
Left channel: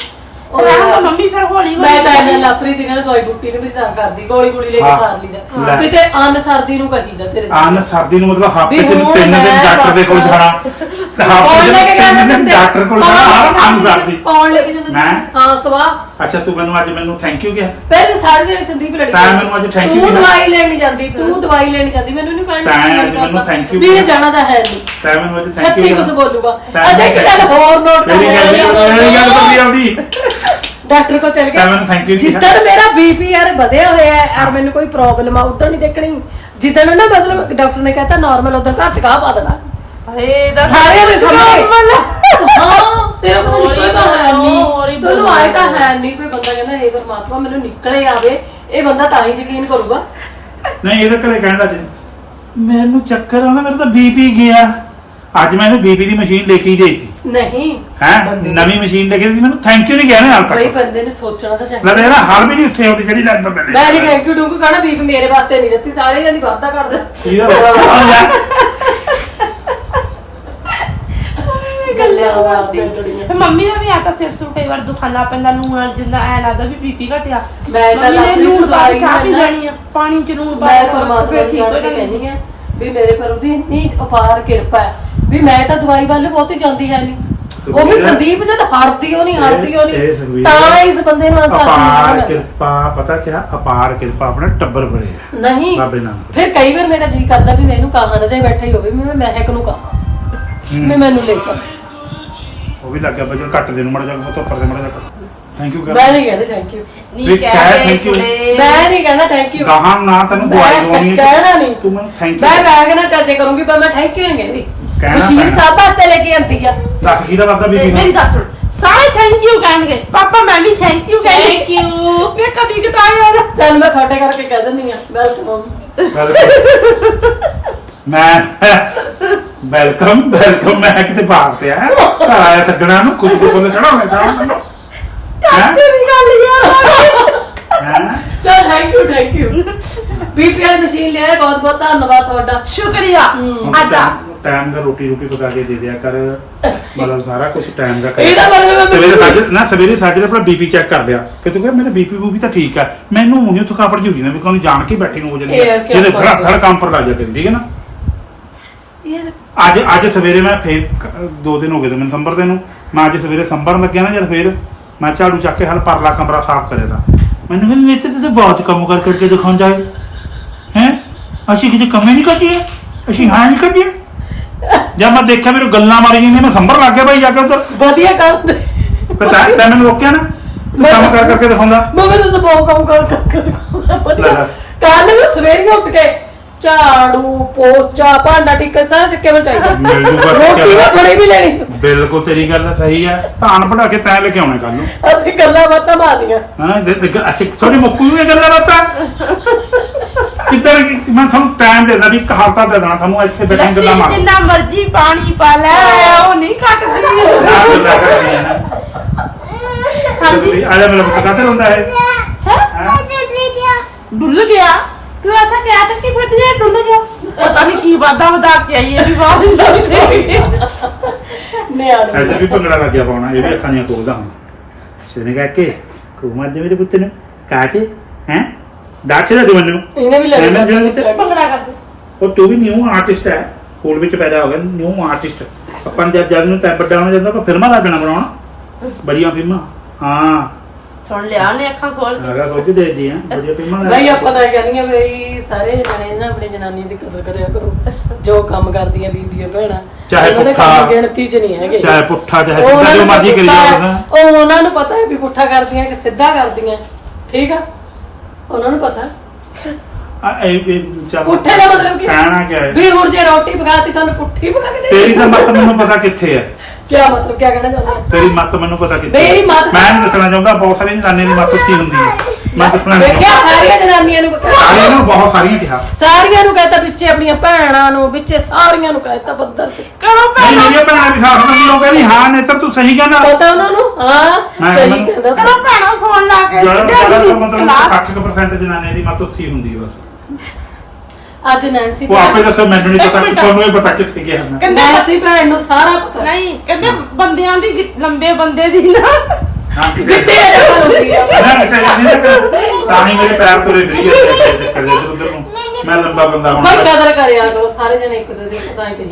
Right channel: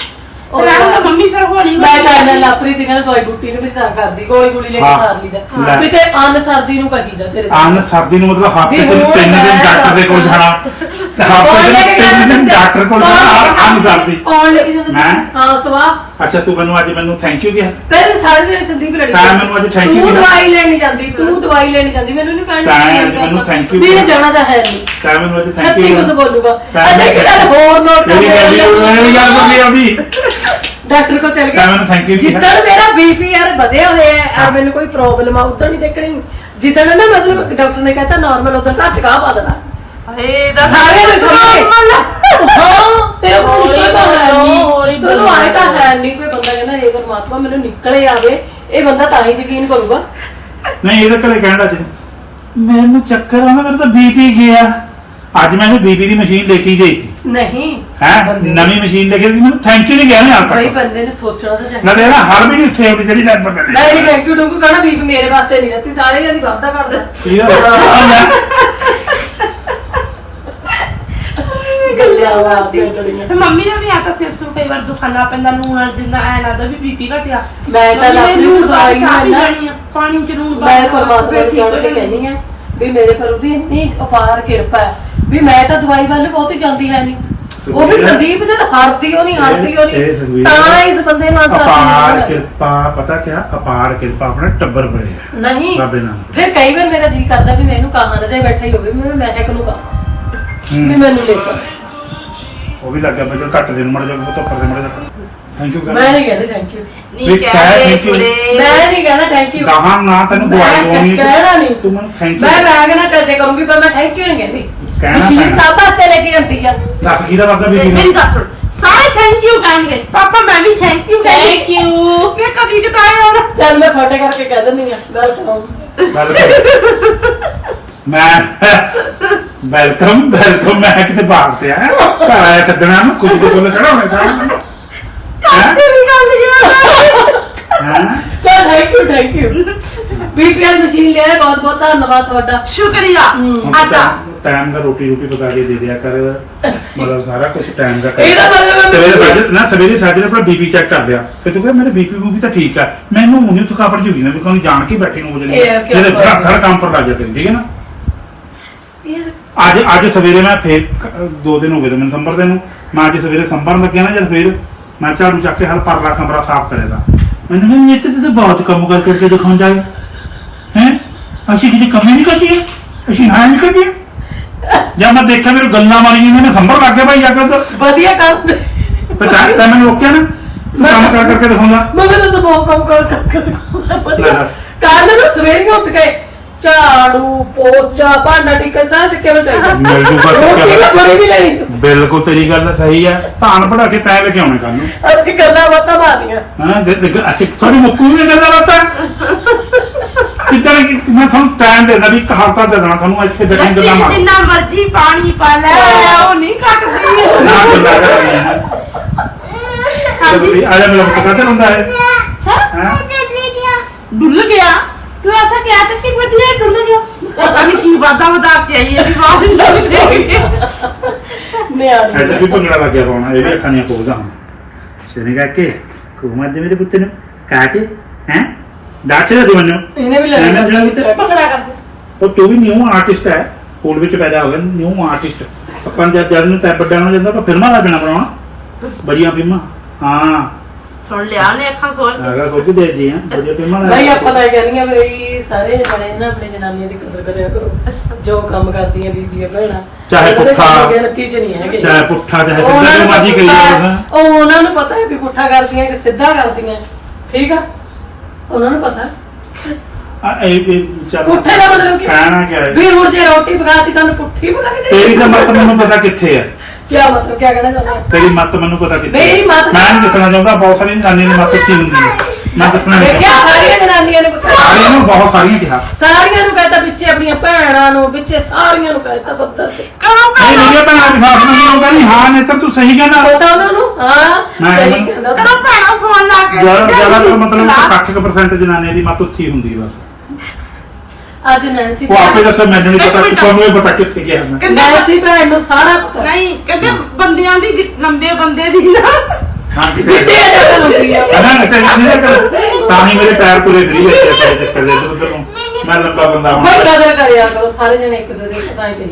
ਉਹ ਤਾਂ ਮੰਮੀ ਫਿਰ ਹੌਲੀ ਮੈਂ ਤਾਂ ਇਹਨਾਂ ਹੌਲੀ ਲਾਪਰੀ ਦੀ ਨਾਲ ਦਵਾਈ ਬੁੱਟੀ ਨੂੰ ਵੀ ਤਾਂ ਕਰਦੀ ਗੋਲੀ ਗੋਲੀ ਲੈ ਕੇ ਹਾਂ। ਸਾਰ ਲਈਦਾ। ਕਿਤੇ ਅੰਨ ਸਰਦੀ ਨੂੰ ਕਹੀਦਾ ਤੇਰੇ ਆਨ ਸਰਦੀ ਨੂੰ ਮਤਲਬ ਹਫ਼ਤੇ ਵੀ ਚ ਹੁਣ ਤਿੰਨ ਦਿਨ ਮੈਂ ਡਾਕਟਰ ਦੇ ਕੋਲ ਜਾਣਾ ਕੇ ਤਿੰਨ? ਡਾਕਟਰ ਕੋਲ ਜਾਣਾ ਆਨ ਜਾਂਦਾ? ਕੌਣ ਲੈ ਕੇ ਮੈਂ? ਹਾਂ? ਸਵਾਹ ਅੱਛਾ ਤੂੰ ਮੈਨੂੰ ਅੱਜ ਮੈਨੂੰ ਥੈਂਕ ਯੂ ਕਿਹਾ। ਪਹਿਲੇ ਸਾਰੇ ਦਿਨ ਸੰਦੀਪ ਲੜੀ ਤਾਂ ਮੈਨੂੰ ਅੱਜ thank you ਤੂੰ। ਦਵਾਈ ਲੈਣੀ ਜਾਂਦੀ ਤੂੰ ਦਵਾਈ ਲੈਣੀ ਜਾਂਦੀ। ਮੈਨੂੰ ਨਹੀਂ ਕਹਿਣਾ ਤਾਂ ਅੱਜ ਮੈਨੂੰ thank you ਵੀ ਇਹ। ਜਾਣਾ ਤਾਂ ਹੈ ਨਹੀਂ ਤਾਂ ਮੈਨੂੰ ਅੱਜ ਥੈਂਕ ਯੂ ਕੁਝ ਬੋਲੂਗਾ। ਅੱਛਾ ਇੱਕ ਗੱਲ ਹੋਰ ਨੋਟ ਗੱਲ ਨਹੀਂ ਮੇਰੀ ਗੱਲ ਨਹੀਂ ਆਉਂਦੀ। ਡਾਕਟਰ ਕੋ ਚਲ ਕਿਹਾ। ਜਿੱਦਣ ਮੇਰਾ ਬੀਪੀ ਯਾਰ ਵਧਿਆ ਹੋਇਆ ਹੈ ਯਾਰ ਮੈਨੂੰ ਕੋਈ ਪ੍ਰੋਬਲਮ ਆ ਉਦੋਂ ਨਹੀਂ ਦੇਖਣੀ। ਜਿੱਦਣ ਨਾ ਮਤਲਬ ਡਾਕਟਰ ਨੇ ਕਹਤਾ ਨਾਰਮਲ ਉਦੋਂ ਘਰ ਚ ਕਾਹ ਪਾ ਦੇਣਾ। ਇਹ ਦਾ ਸਾਰਿਆਂ ਦੇ ਸਾਹਮਣੇ। ਹਾਂ ਤੇਰੇ ਕੋਲ ਨਿਕਲ ਤਾਂ ਹੈ ਨਹੀਂ। ਤੈਨੂੰ ਆਏ ਤਾਂ। ਹੈ ਨਹੀਂ ਕੋਈ ਬੰਦਾ ਕਹਿੰਦਾ ਇਹ ਪਰਮਾਤਮਾ ਮੈਨੂੰ ਨਿਕਲੇ ਆਵੇ ਇਹ ਬੰਦਾ ਤਾਂ ਹੀ ਯਕੀਨ ਕਰੂਗਾ। ਨਹੀਂ ਇਹਦੇ ਘਰੇ ਕਹਿਣ ਲੱਗ ਮੈਨੂੰ ਚੱਕਰ ਆਉਂਦਾ ਮੇਰਾ ਤਾਂ ਬੀਪੀ ਗਿਆ। ਅੱਜ ਮੈਨੂੰ ਬੀਪੀ ਦੀ ਮਸ਼ੀਨ ਲੈ ਕੇ ਹੀ ਦੇਤੀ ਨਹੀਂ। ਹੈ? ਨਵੀਂ ਮਸ਼ੀਨ ਲੈ ਕੇ ਦਿੱਤੀ ਮੈਨੂੰ ਥੈਂਕ ਯੂ ਨਹੀਂ ਗਿਆ ਨਾ ਹਾਲ ਤੱਕ। ਬੰਦੇ ਨੇ ਸੋਚਣਾ ਤਾਂ ਚਾਹੀਦਾ। ਮੈਂ ਦੇਖ ਹਰ ਵੀ ਉੱਥੇ ਆਉਂਦੀ ਜਿਹੜੀ ਲੈਣ ਮੈਂ ਪੈਂਦੀ। ਨਹੀਂ ਥੈਂਕ ਯੂ ਡੂੰਗੂ ਕਹਣਾ ਬੀਪੀ ਮੇਰੇ ਵਾਸਤੇ ਨਹੀਂ ਦਿੱਤੀ ਸਾਰੇ ਜਣ ਦੀ ਵਾਅਦਾ ਕਰਦਾ। ਕੀ ਹੋ ਗਿਆ ਗੱਲ ਮੰਮੀ ਦਾ ਵੀ ਆ ਤਾਂ ਸਿਰ ਸੁਰ ਕਈ ਵਾਰ ਦੁਖਾਨਾ ਪੈਂਦਾ ਨੂਨ ਨਾਲ ਜਿੰਦਾ ਐ ਲੱਗਦਾ ਵੀ ਬੀਪੀ ਘਟਿਆ। ਮੈਂ ਤਾਂ ਮੰਮੀ ਨੇ ਆਪਣੀ ਨੂਣ ਪਾ ਦਵਾਈ ਕੇ ਚਾਹ ਪੀ ਨਾਲ ਲੈਣੀ ਆ ਪਾਣੀ ਚ ਨੂਨ ਪਾ ਮੈਂ ਕੇ ਪਰਮਾਤਮਾ ਫਿਰ ਨੂੰ ਠੀਕ ਜਾਣ ਹੋ ਕੇ ਜਾਣੀ। ਕਹਿੰਦੀ ਆ ਵੀ ਮੇਰੇ ਪਰ ਉਹਦੀ ਇੰਨੀ ਅਪਾਰ ਕਿਰਪਾ ਹੈ। ਵੀ ਮੈਂ ਤਾਂ ਦਵਾਈ ਵੱਲ ਬਹੁਤੀ ਜਾਂਦੀ ਹੈ। ਨਹੀਂ ਉਹ ਵੀ ਸੰਦੀਪ ਜਦ ਹਰਦੀ ਹੋ ਨਹੀਂ ਹਰਦੀ ਹੋ ਇਹ- ਇਹ ਸੁਖਬੀਰ, ਨਹੀਂ ਤਾਂ ਇਸ ਬੰਦੇ ਨੂੰ ਅਨਸਾਰ ਅਪਾਰ ਕਿਰਪਾ ਪਤਾ ਕਿਆ? ਅਪਾਰ ਕਿਰਪਾ ਆਪਣਾ ਟੱਬਰ ਨਹੀਂ ਬਾਬੇ ਫਿਰ ਕਈ ਵਾਰ ਮੇਰਾ ਜੀ ਕਰਦਾ ਵੀ ਮੈਂ ਇਹਨੂੰ ਕਹਾਂ ਨਾ ਜੇ ਬੈਠਾ ਹੀ ਹੋਵੇ ਮੈਂ ਮਹਿਕ ਨੂੰ ਕਹਾਂ। ਵੀ ਮੈਨੂੰ ਲੈ ਚੱਲ। ਉਹ ਵੀ ਲੱਗਿਆ ਬਜੋ ਘੱਟ ਦੇ ਨੂੰ ਮੜ ਜਾ ਉਹ ਤੋਂ ਉੱਪਰ ਦੇ ਮੜ ਜਾ ਥੈਂਕ ਯੂ ਮੈਂ ਨਹੀਂ ਕਹਿੰਦੀ ਥੈਂਕ ਯੂ ਵੀ ਕਹਿ ਥੈਂਕ ਯੂ ਮੈਂ ਨਹੀਂ ਕਹਿਣਾ ਥੈਂਕ ਯੂ ਕਹਾਂ ਨਾ ਤੈਨੂੰ ਦਵਾਈ ਦਵਾਉਣੀ ਕਹਿਣਾ ਨਹੀਂ। ਤੂੰ ਮੈਨੂੰ ਥੈਂਕ ਮੈਂ ਯੂ ਬੈਗ ਨਾ ਚਾਚੇ ਕਰੂੰਗੀ ਪਰ ਮੈਂ ਥੈਂਕ ਯੂ ਨਹੀਂ ਕਹਿੰਦੀ। ਕਹਿਣਾ ਮਸ਼ੀਨ ਪੈਣਾ। ਸਾਹਿਬ ਹੱਥੇ ਲੈ ਕੇ ਆਂਦੀ ਆ। ਦੱਸ ਕੀ ਦਾ ਵਰਦਾ ਬੀਬੀ ਮੇਰੀ ਨੂੰ ਗੱਲ ਸੁਣ। ਸਾਰੇ ਥੈਂਕ ਯੂ ਕਹਿਣਗੇ। ਪਾਪਾ ਮੈਂ ਵੀ ਥੈਂਕ ਯੂ ਥੈਂਕ ਯੂ ਮੈਂ ਕਦੀ ਕਿਤਾਬ ਆਉਣਾ ਚੱਲ ਮੈਂ ਤੁਹਾਡੇ ਕਰਕੇ ਕਹਿ ਦਿੰਦੀ ਆ ਵੈਲਕਮ ਵੈਲਕਮ ਮੈਂ ਵੈਲਕਮ ਵੈਲਕਮ ਮੈਂ ਕਿਤੇ ਬਾਹਰ ਤੇ ਆ। ਘਰ ਆਇਆ ਸੱਜਣਾ ਨੂੰ ਕੁਝ ਦੇ ਕੋਲ ਚੜਾਉਣੇ ਤਾਂ ਮੈਨੂੰ। ਹੈਂ? ਤੇਰੀ ਗੱਲ ਯਾਰ। ਹੈਂ? ਚਲ thank you thank you BPL machine ਲਿਆਏ ਬਹੁਤ ਬਹੁਤ ਧੰਨਵਾਦ ਤੁਹਾਡਾ। ਸ਼ੁਕਰੀਆ। ਹੁਣ ਆਦਾ ਟਾਈਮ ਦਾ ਰੋਟੀ ਰੋਟੀ ਪਕਾ ਕੇ ਦੇ ਦਿਆ ਕਰ। ਮਤਲਬ ਸਾਰਾ ਕੁਝ ਟਾਈਮ ਦਾ ਕਰ। ਇਹਦਾ ਮਤਲਬ ਸਵੇਰੇ ਸਾਜੇ ਨਾ ਸਵੇਰੇ ਸਾਜੇ ਆਪਣਾ ਬੀਪੀ ਚੈੱਕ ਕਰ ਲਿਆ। ਫਿਰ ਤੂੰ ਕਹਿੰਦਾ ਮੇਰਾ ਬੀਪੀ ਵੀ ਤਾਂ ਠੀਕ ਹੈ ਮੈਨੂੰ ਨਹੀਂ ਥਕਾਵਟ ਜਿਹੀ ਹੋਈ ਨਾ ਵੀ ਕੋਈ ਜਾਣ ਕੇ ਬੈਠੀ ਨੂੰ ਹੋ ਜਾਂਦੀ ਇਹ ਕਿਉਂ ਜਿਹਦੇ ਧੜ ਧੜ ਕੰਮ ਪਰ ਲੱਗ ਜਾਂਦੀ ਠੀਕ ਹੈ ਨਾ? ਅੱਜ ਅੱਜ ਸਵੇਰੇ ਮੈਂ ਫੇਰ ਕ- ਦੋ ਦਿਨ ਹੋ ਗਏ ਤੇ ਮੈਨੂੰ ਸੰਭਰ ਦੇ ਨੂੰ। ਮੈਂ ਅੱਜ ਸਵੇਰੇ ਸੰਭਰਨ ਲੱਗਿਆ ਨਾ ਜਦ ਫੇਰ ਮੈਂ ਝਾੜੂ ਚੱਕ ਕੇ ਹਲ ਪਰਲਾ ਕਮਰਾ ਸਾਫ਼ ਕਰਿਆ ਦਾ ਮੈਨੂੰ ਕਹਿੰਦੀ ਇੱਥੇ ਤੇ ਬਹੁਤ ਕੰਮ ਕਰ ਕਰਕੇ ਦਿਖਾਉਂ ਜਾਏ। ਹੈ? ਅਸੀਂ ਕਿਸੇ ਕਮੀ ਨਹੀਂ ਕਰਦੀ ਅਸੀਂ ਹਾਂ ਨਹੀਂ ਕਰਦੀ ਜਦ ਮੈਂ ਦੇਖਿਆ ਮੇਰੇ ਗੱਲਾਂ ਮਾਰੀ ਜਾਂਦੀਆਂ ਮੈਂ ਸੰਭਰ ਲੱਗ ਗਿਆ ਭਾਈ ਜਾ ਕੇ ਤਾਂ ਵਧੀਆ ਕੰਮ ਪਤਾ ਤੈਂ ਮੈਨੂੰ ਰੋਕਿਆ ਨਾ। ਤੂੰ ਕੰਮ ਕਰ ਕਰਕੇ ਦਿਖਾਉਂਦਾ। ਮਗਰ ਤਾਂ ਬਹੁਤ ਕੰਮ ਕਰ ਕਰ ਲੈ ਲੈ। ਕੱਲ ਨੂੰ ਸਵੇਰੇ ਉੱਠ ਕੇ ਝਾੜੂ ਪੋਚਾ ਭਾਂਡਾ ਟਿੱਕਾ ਸਾਰਾ ਚੱਕੇ ਨੂੰ ਚਾਹੀਦਾ। ਮਿਲ ਜੂਗਾ ਰੋਟੀ ਚੱਕਿਆ ਮੈਂ ਬੜੀ ਵੀ ਲੈਣੀ। ਬਿਲਕੁਲ ਤੇਰੀ ਗੱਲ ਸਹੀ ਹੈ ਧਾਨ ਪੜਾ ਕੇ ਤੈਂ ਲੈ ਕੇ ਆਉਣਾ ਕੱਲ ਨੂੰ। ਅਸੀਂ ਗੱਲਾਂ ਬਾਤਾਂ ਮਾਰਦੀਆਂ ਹਾਂ ਦੇ- ਦੇ- ਅੱਛਾ ਥੋੜੀ ਮੁੱਕੂ ਵੀ ਗੱਲਾਂ ਬਾਤਾਂ? ਕਿੱਦਾਂ ਕਿ ਮੈਂ ਤੁਹਾਨੂੰ ਟਾਈਮ ਦੇਦਾ ਵੀ ਇੱਕ ਹਫ਼ਤਾ ਦੇ ਦੇਣਾ ਤੁਹਾਨੂੰ ਇੱਥੇ ਬੈਠੇ ਲੱਸੀ ਗੱਲਾਂ ਮਾਰੋ ਜਿੰਨਾ ਮਰਜ਼ੀ ਪਾਣੀ ਪਾ ਲੈ ਉਹ ਨਹੀਂ ਘਟਦੀ ਨਾ ਗੱਲਾਂ ਕਰਨੀਆਂ ਵੀ ਆ ਜਾ ਮੇਰਾ ਪੁੱਤ ਕਾਹਤੇ ਹੁੰਦਾ ਹੈ? ਹੈਂ? ਡੁੱਲ ਗਿਆ। ਤੂੰ ਐਸਾ ਕਿਹਾ ਤਾਂ ਕਿ ਵਧੀਆ ਡੁੱਲ ਗਿਆ ਪਤਾ ਨਹੀਂ ਕੀ ਵਾਦਾ ਵਦਾ ਕੇ ਆਈ ਹੈ ਵੀ ਬਾਹਰ ਜਾਂਦੇ ਨਿਆਣੀ। ਇੱਧਰ ਵੀ ਭੰਗੜਾ ਲੱਗਿਆ ਪਾਉਣਾ ਇਹ ਵੀ ਅੱਖਾਂ ਦੀਆਂ ਖੋਲਦਾ ਹੁਣ ਸ਼ੇਨੇ ਕਾ ਕੇ ਕੁਮਾਰ ਦੇ ਮੇਰੇ ਪੁੱਤ ਨੂੰ। ਕਾ ਕੇ ਹੈ? ਦਾਖੇ ਦੇ ਮੈਨੂੰ। ਇਹਨੇ ਵੀ ਮੈਂ ਜਿਹੜਾ ਲੈਣੀ ਕਿਤੇ- ਪਕੜਾ ਕਰਦੇ। ਉਹ ਤੂੰ ਵੀ ਨਿਊ ਆਰਟਿਸਟ ਹੈ। ਸਕੂਲ ਵਿੱਚ ਪੈਦਾ ਹੋ ਗਿਆ ਨਿਊ ਆਰਟਿਸਟ ਆਪਾਂ ਜਦ ਜਦ ਨੂੰ ਤੈ ਵੱਡਾ ਹੋਣਾ ਜਾਂਦਾ ਫਿਲਮਾਂ ਲੱਗਣਾ ਬਣਾਉਣਾ। ਬੜੀਆਂ ਫਿਲਮਾਂ। ਹਾਂ। ਸੁਣ ਲਿਆ ਉਹਨੇ ਅੱਖਾਂ ਖੋਲ ਕੇ। ਹੈਗਾ ਕੁਝ ਦੇ ਦੀ ਹੈ ਬੜੀਆਂ ਫਿਲਮਾਂ ਲੱਗ- ਨਹੀਂ ਆਪਾਂ ਤਾਂ ਇਹ ਕਹਿੰਦੀਆਂ ਵੀ ਸਾਰੇ ਜਣੇ ਨਾ ਆਪਣੀ ਜਨਾਨੀਆਂ ਦੀ ਕਦਰ ਕਰਿਆ ਕਰੋ। ਜੋ ਕੰਮ ਕਰਦੀਆਂ ਬੀਬੀਆਂ ਭੈਣਾਂ ਚਾਹੇ ਉਹਨਾਂ ਦੇ ਪੁੱਠਾ, ਕੰਮ ਗਿਣਤੀ ਚ ਨਹੀਂ ਹੈਗੇ। ਚਾਹੇ ਪੁੱਠਾ ਚਾਹੇ ਉਹਨਾਂ ਸਿੱਧਾ ਜੋ ਨੂੰ ਮਰਜ਼ੀ ਕਰੀ ਪਤਾ- ਜਾਓ ਉਹ ਉਹਨਾਂ ਨੂੰ ਪਤਾ ਹੈ ਵੀ ਪੁੱਠਾ ਕਰਦੀਆਂ ਕਿ ਸਿੱਧਾ ਕਰਦੀਆਂ। ਠੀਕ ਆ? ਉਹਨਾਂ ਨੂੰ ਪਤਾ। ਆ ਇਹ ਇਹ ਚੱਲ ਪੁੱਠੇ ਦਾ ਮਤਲਬ ਕੀ? ਕਹਿਣਾ ਕਿਆ ਹੈ? ਵੀ ਹੁਣ ਜੇ ਰੋਟੀ ਪਕਾਤੀ ਤੁਹਾਨੂੰ ਪੁੱਠੀ ਪਕਾ ਕੇ ਤੇਰੀ ਤਾਂ ਮੱਤ ਮੈਨੂੰ ਪਤਾ ਕਿੱਥੇ ਹੈ ਕੀ ਮਤਲਬ ਕੀ ਕਹਿਣਾ ਚਾਹੁੰਦੇ ਆ? ਤੇਰੀ ਮੱਤ ਮੈਨੂੰ ਪਤਾ ਕਿੱਥੇ ਮੇਰੀ ਹੈ। ਮੱਤ- ਮੈਂ ਨਹੀਂ ਦੱਸਣਾ ਚਾਹੁੰਦਾ ਬਹੁਤ ਸਾਰੀਆਂ ਜਨਾਨੀਆਂ ਦੀ ਮੱਤ ਕੀ ਹੁੰਦੀ ਹੈ। ਮੈਂ ਦੱਸਣਾ ਨਹੀਂ ਦੇਖਿਆ ਚਾਹੁੰਦਾ। ਸਾਰੀਆਂ ਜਨਾਨੀਆਂ ਨੂੰ ਪਤਾ। ਸਾਰੀਆਂ ਨੂੰ ਬਹੁਤ ਸਾਰੀਆਂ ਕਿਹਾ। ਸਾਰੀਆਂ ਨੂੰ ਕਹਤਾ ਵਿੱਚੇ ਆਪਣੀਆਂ ਭੈਣਾਂ ਨੂੰ ਵਿੱਚੇ ਸਾਰੀਆਂ ਨੂੰ ਕਹਤਾ ਬੱਦਰ ਤੇ। ਕਰੋ ਨਹੀਂ ਨਹੀਂ ਭੈਣਾਂ ਦੀ ਸਾਥ ਨਹੀਂ ਹੋਗਾ ਨਹੀਂ ਹਾਂ ਨੇਤਰ ਤੂੰ ਸਹੀ ਕਹਿੰਦਾ। ਪਤਾ ਉਹਨਾਂ ਨੂੰ? ਹਾਂ ਮੈਂ ਸਹੀ ਕਹਿੰਦਾ- ਕਰੋ ਭੈਣਾ ਫੋਨ ਲਾ ਕੇ ਜ਼ਿਆਦਾ ਜ਼ਿਆਦਾ ਤਾਂ ਮਤਲਬ Last 60% ਜਨਾਨੀਆਂ ਦੀ ਮੱਤ ਉੱਥੀ ਹੁੰਦੀ ਹੈ ਬਸ। ਅੱਜ ਨੈਂਸੀ ਉਹ ਆਪੇ ਦੱਸੋ ਮੈਨੂੰ ਨਹੀਂ ਪਤਾ ਕਿ ਤੁਹਾਨੂੰ ਇਹ ਪਤਾ ਕਿੱਥੇ ਗਿਆ ਮੈਂ ਕਹਿੰਦੇ ਨੈਂਸੀ ਭੈਣ ਨੂੰ ਸਾਰਾ ਪਤਾ। ਨਹੀਂ ਕਹਿੰਦੇ ਬੰਦਿਆਂ ਦੀ ਗਿ- ਲੰਬੇ ਬੰਦੇ ਦੀ ਨਾ। ਹਾਂ ਕਿ ਗਿੱਟੇ ਜਗ੍ਹਾ ਹੁੰਦੀ ਆ। ਨਾ ਨਾ ਟੈਨਸ਼ਨ ਨਾ ਕਰ ਤਾਂ ਹੀ ਮੇਰੇ ਪੈਰ ਤੁਰੇ ਫਰੀ ਹੁੰਦੇ ਆ ਪੈਰ ਚੱਕਰ ਦੇ ਇੱਧਰ ਉੱਧਰ ਨੂੰ। ਮੈਂ ਲੰਬਾ ਬੰਦਾ ਬਈ ਹਾਂ ਕਦਰ ਕਰਿਆ ਕਰੋ ਸਾਰੇ ਜਣੇ ਇੱਕ ਦੂਜੇ ਦੀ ਕਦਾਈ ਦੇ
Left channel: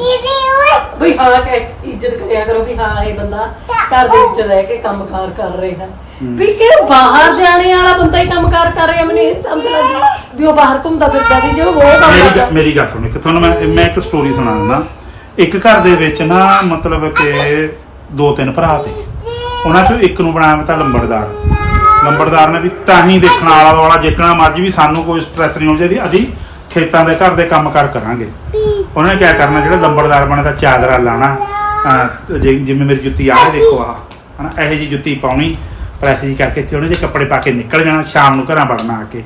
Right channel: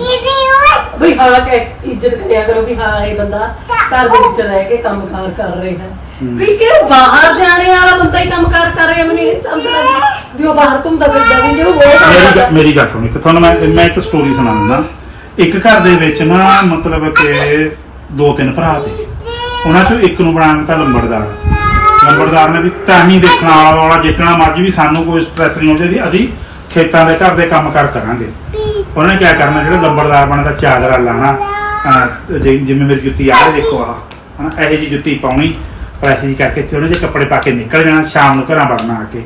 ਬਈ ਹਾਂ ਕਿ ਇੱਜ਼ਤ ਕਰਿਆ ਕਰੋ ਵੀ ਹਾਂ ਇਹ ਬੰਦਾ ਘਰ ਦੇ ਵਿੱਚ ਰਹਿ ਕੇ ਕੰਮਕਾਰ ਕਰ ਰਿਹਾ। ਹੈ ਵੀ ਕਿ ਬਾਹਰ ਜਾਣੇ ਵਾਲਾ ਬੰਦਾ ਹੀ ਕੰਮਕਾਰ ਕਰ ਰਿਹਾ ਮੈਨੂੰ ਇਹ ਨੀ ਸਮਝ ਲੱਗੀ ਵੀ ਉਹ ਬਾਹਰ ਘੁੰਮਦਾ ਫਿਰਦਾ ਵੀ ਜੋ ਹੋਰ ਕੰਮ ਮੇਰੀ ਮੇਰੀ ਗੱਲ ਸੁਣ ਇੱਕ ਤੁਹਾਨੂੰ ਮੈਂ ਮੈਂ ਇੱਕ ਸਟੋਰੀ ਸੁਣਾ ਦਿੰਦਾ। ਇੱਕ ਘਰ ਦੇ ਵਿੱਚ ਨਾ ਮਤਲਬ ਕਿ ਦੋ ਤਿੰਨ ਭਰਾ ਸੀ। ਉਹਨਾਂ ਚੋਂ ਇੱਕ ਨੂੰ ਬਣਾਇਆ ਤਾਂ ਲੰਬੜਦਾਰ। ਲੰਬੜਦਾਰ ਨੇ ਵੀ ਤਾਂ ਹੀ ਦੇਖਣ ਵਾਲਾ ਵਾਲਾ ਜਿੱਤਣਾ ਮਰਜ਼ੀ ਵੀ ਸਾਨੂੰ ਕੋਈ ਸਟ੍ਰੈਸ ਨਹੀਂ ਹੁੰਦੀ ਅਸੀਂ ਖੇਤਾਂ ਦੇ ਘਰ ਦੇ ਕੰਮ ਕਾਰ ਕਰਾਂਗੇ। ਉਹਨਾਂ ਨੇ ਕੀ ਕਰਨਾ ਜਿਹੜਾ ਲੰਬੜਦਾਰ ਬਣੇ ਦਾ ਚਾਦਰਾ ਲਾਣਾ ਅਹ ਜਿ- ਜਿਵੇਂ ਮੇਰੀ ਜੁੱਤੀ ਆ ਰਹੀ ਦੇਖੋ ਆਹ ਹਨਾ ਇਹੋ ਜੀ ਜੁੱਤੀ ਪਾਉਣੀ। ਪ੍ਰੈਸ ਜੀ ਕਰਕੇ ਤੇ ਉਹਨੇ ਜੇ ਕੱਪੜੇ ਪਾ ਕੇ ਨਿਕਲ ਜਾਣਾ, ਸ਼ਾਮ ਨੂੰ ਘਰਾਂ ਵੜਨਾ ਆ ਕੇ।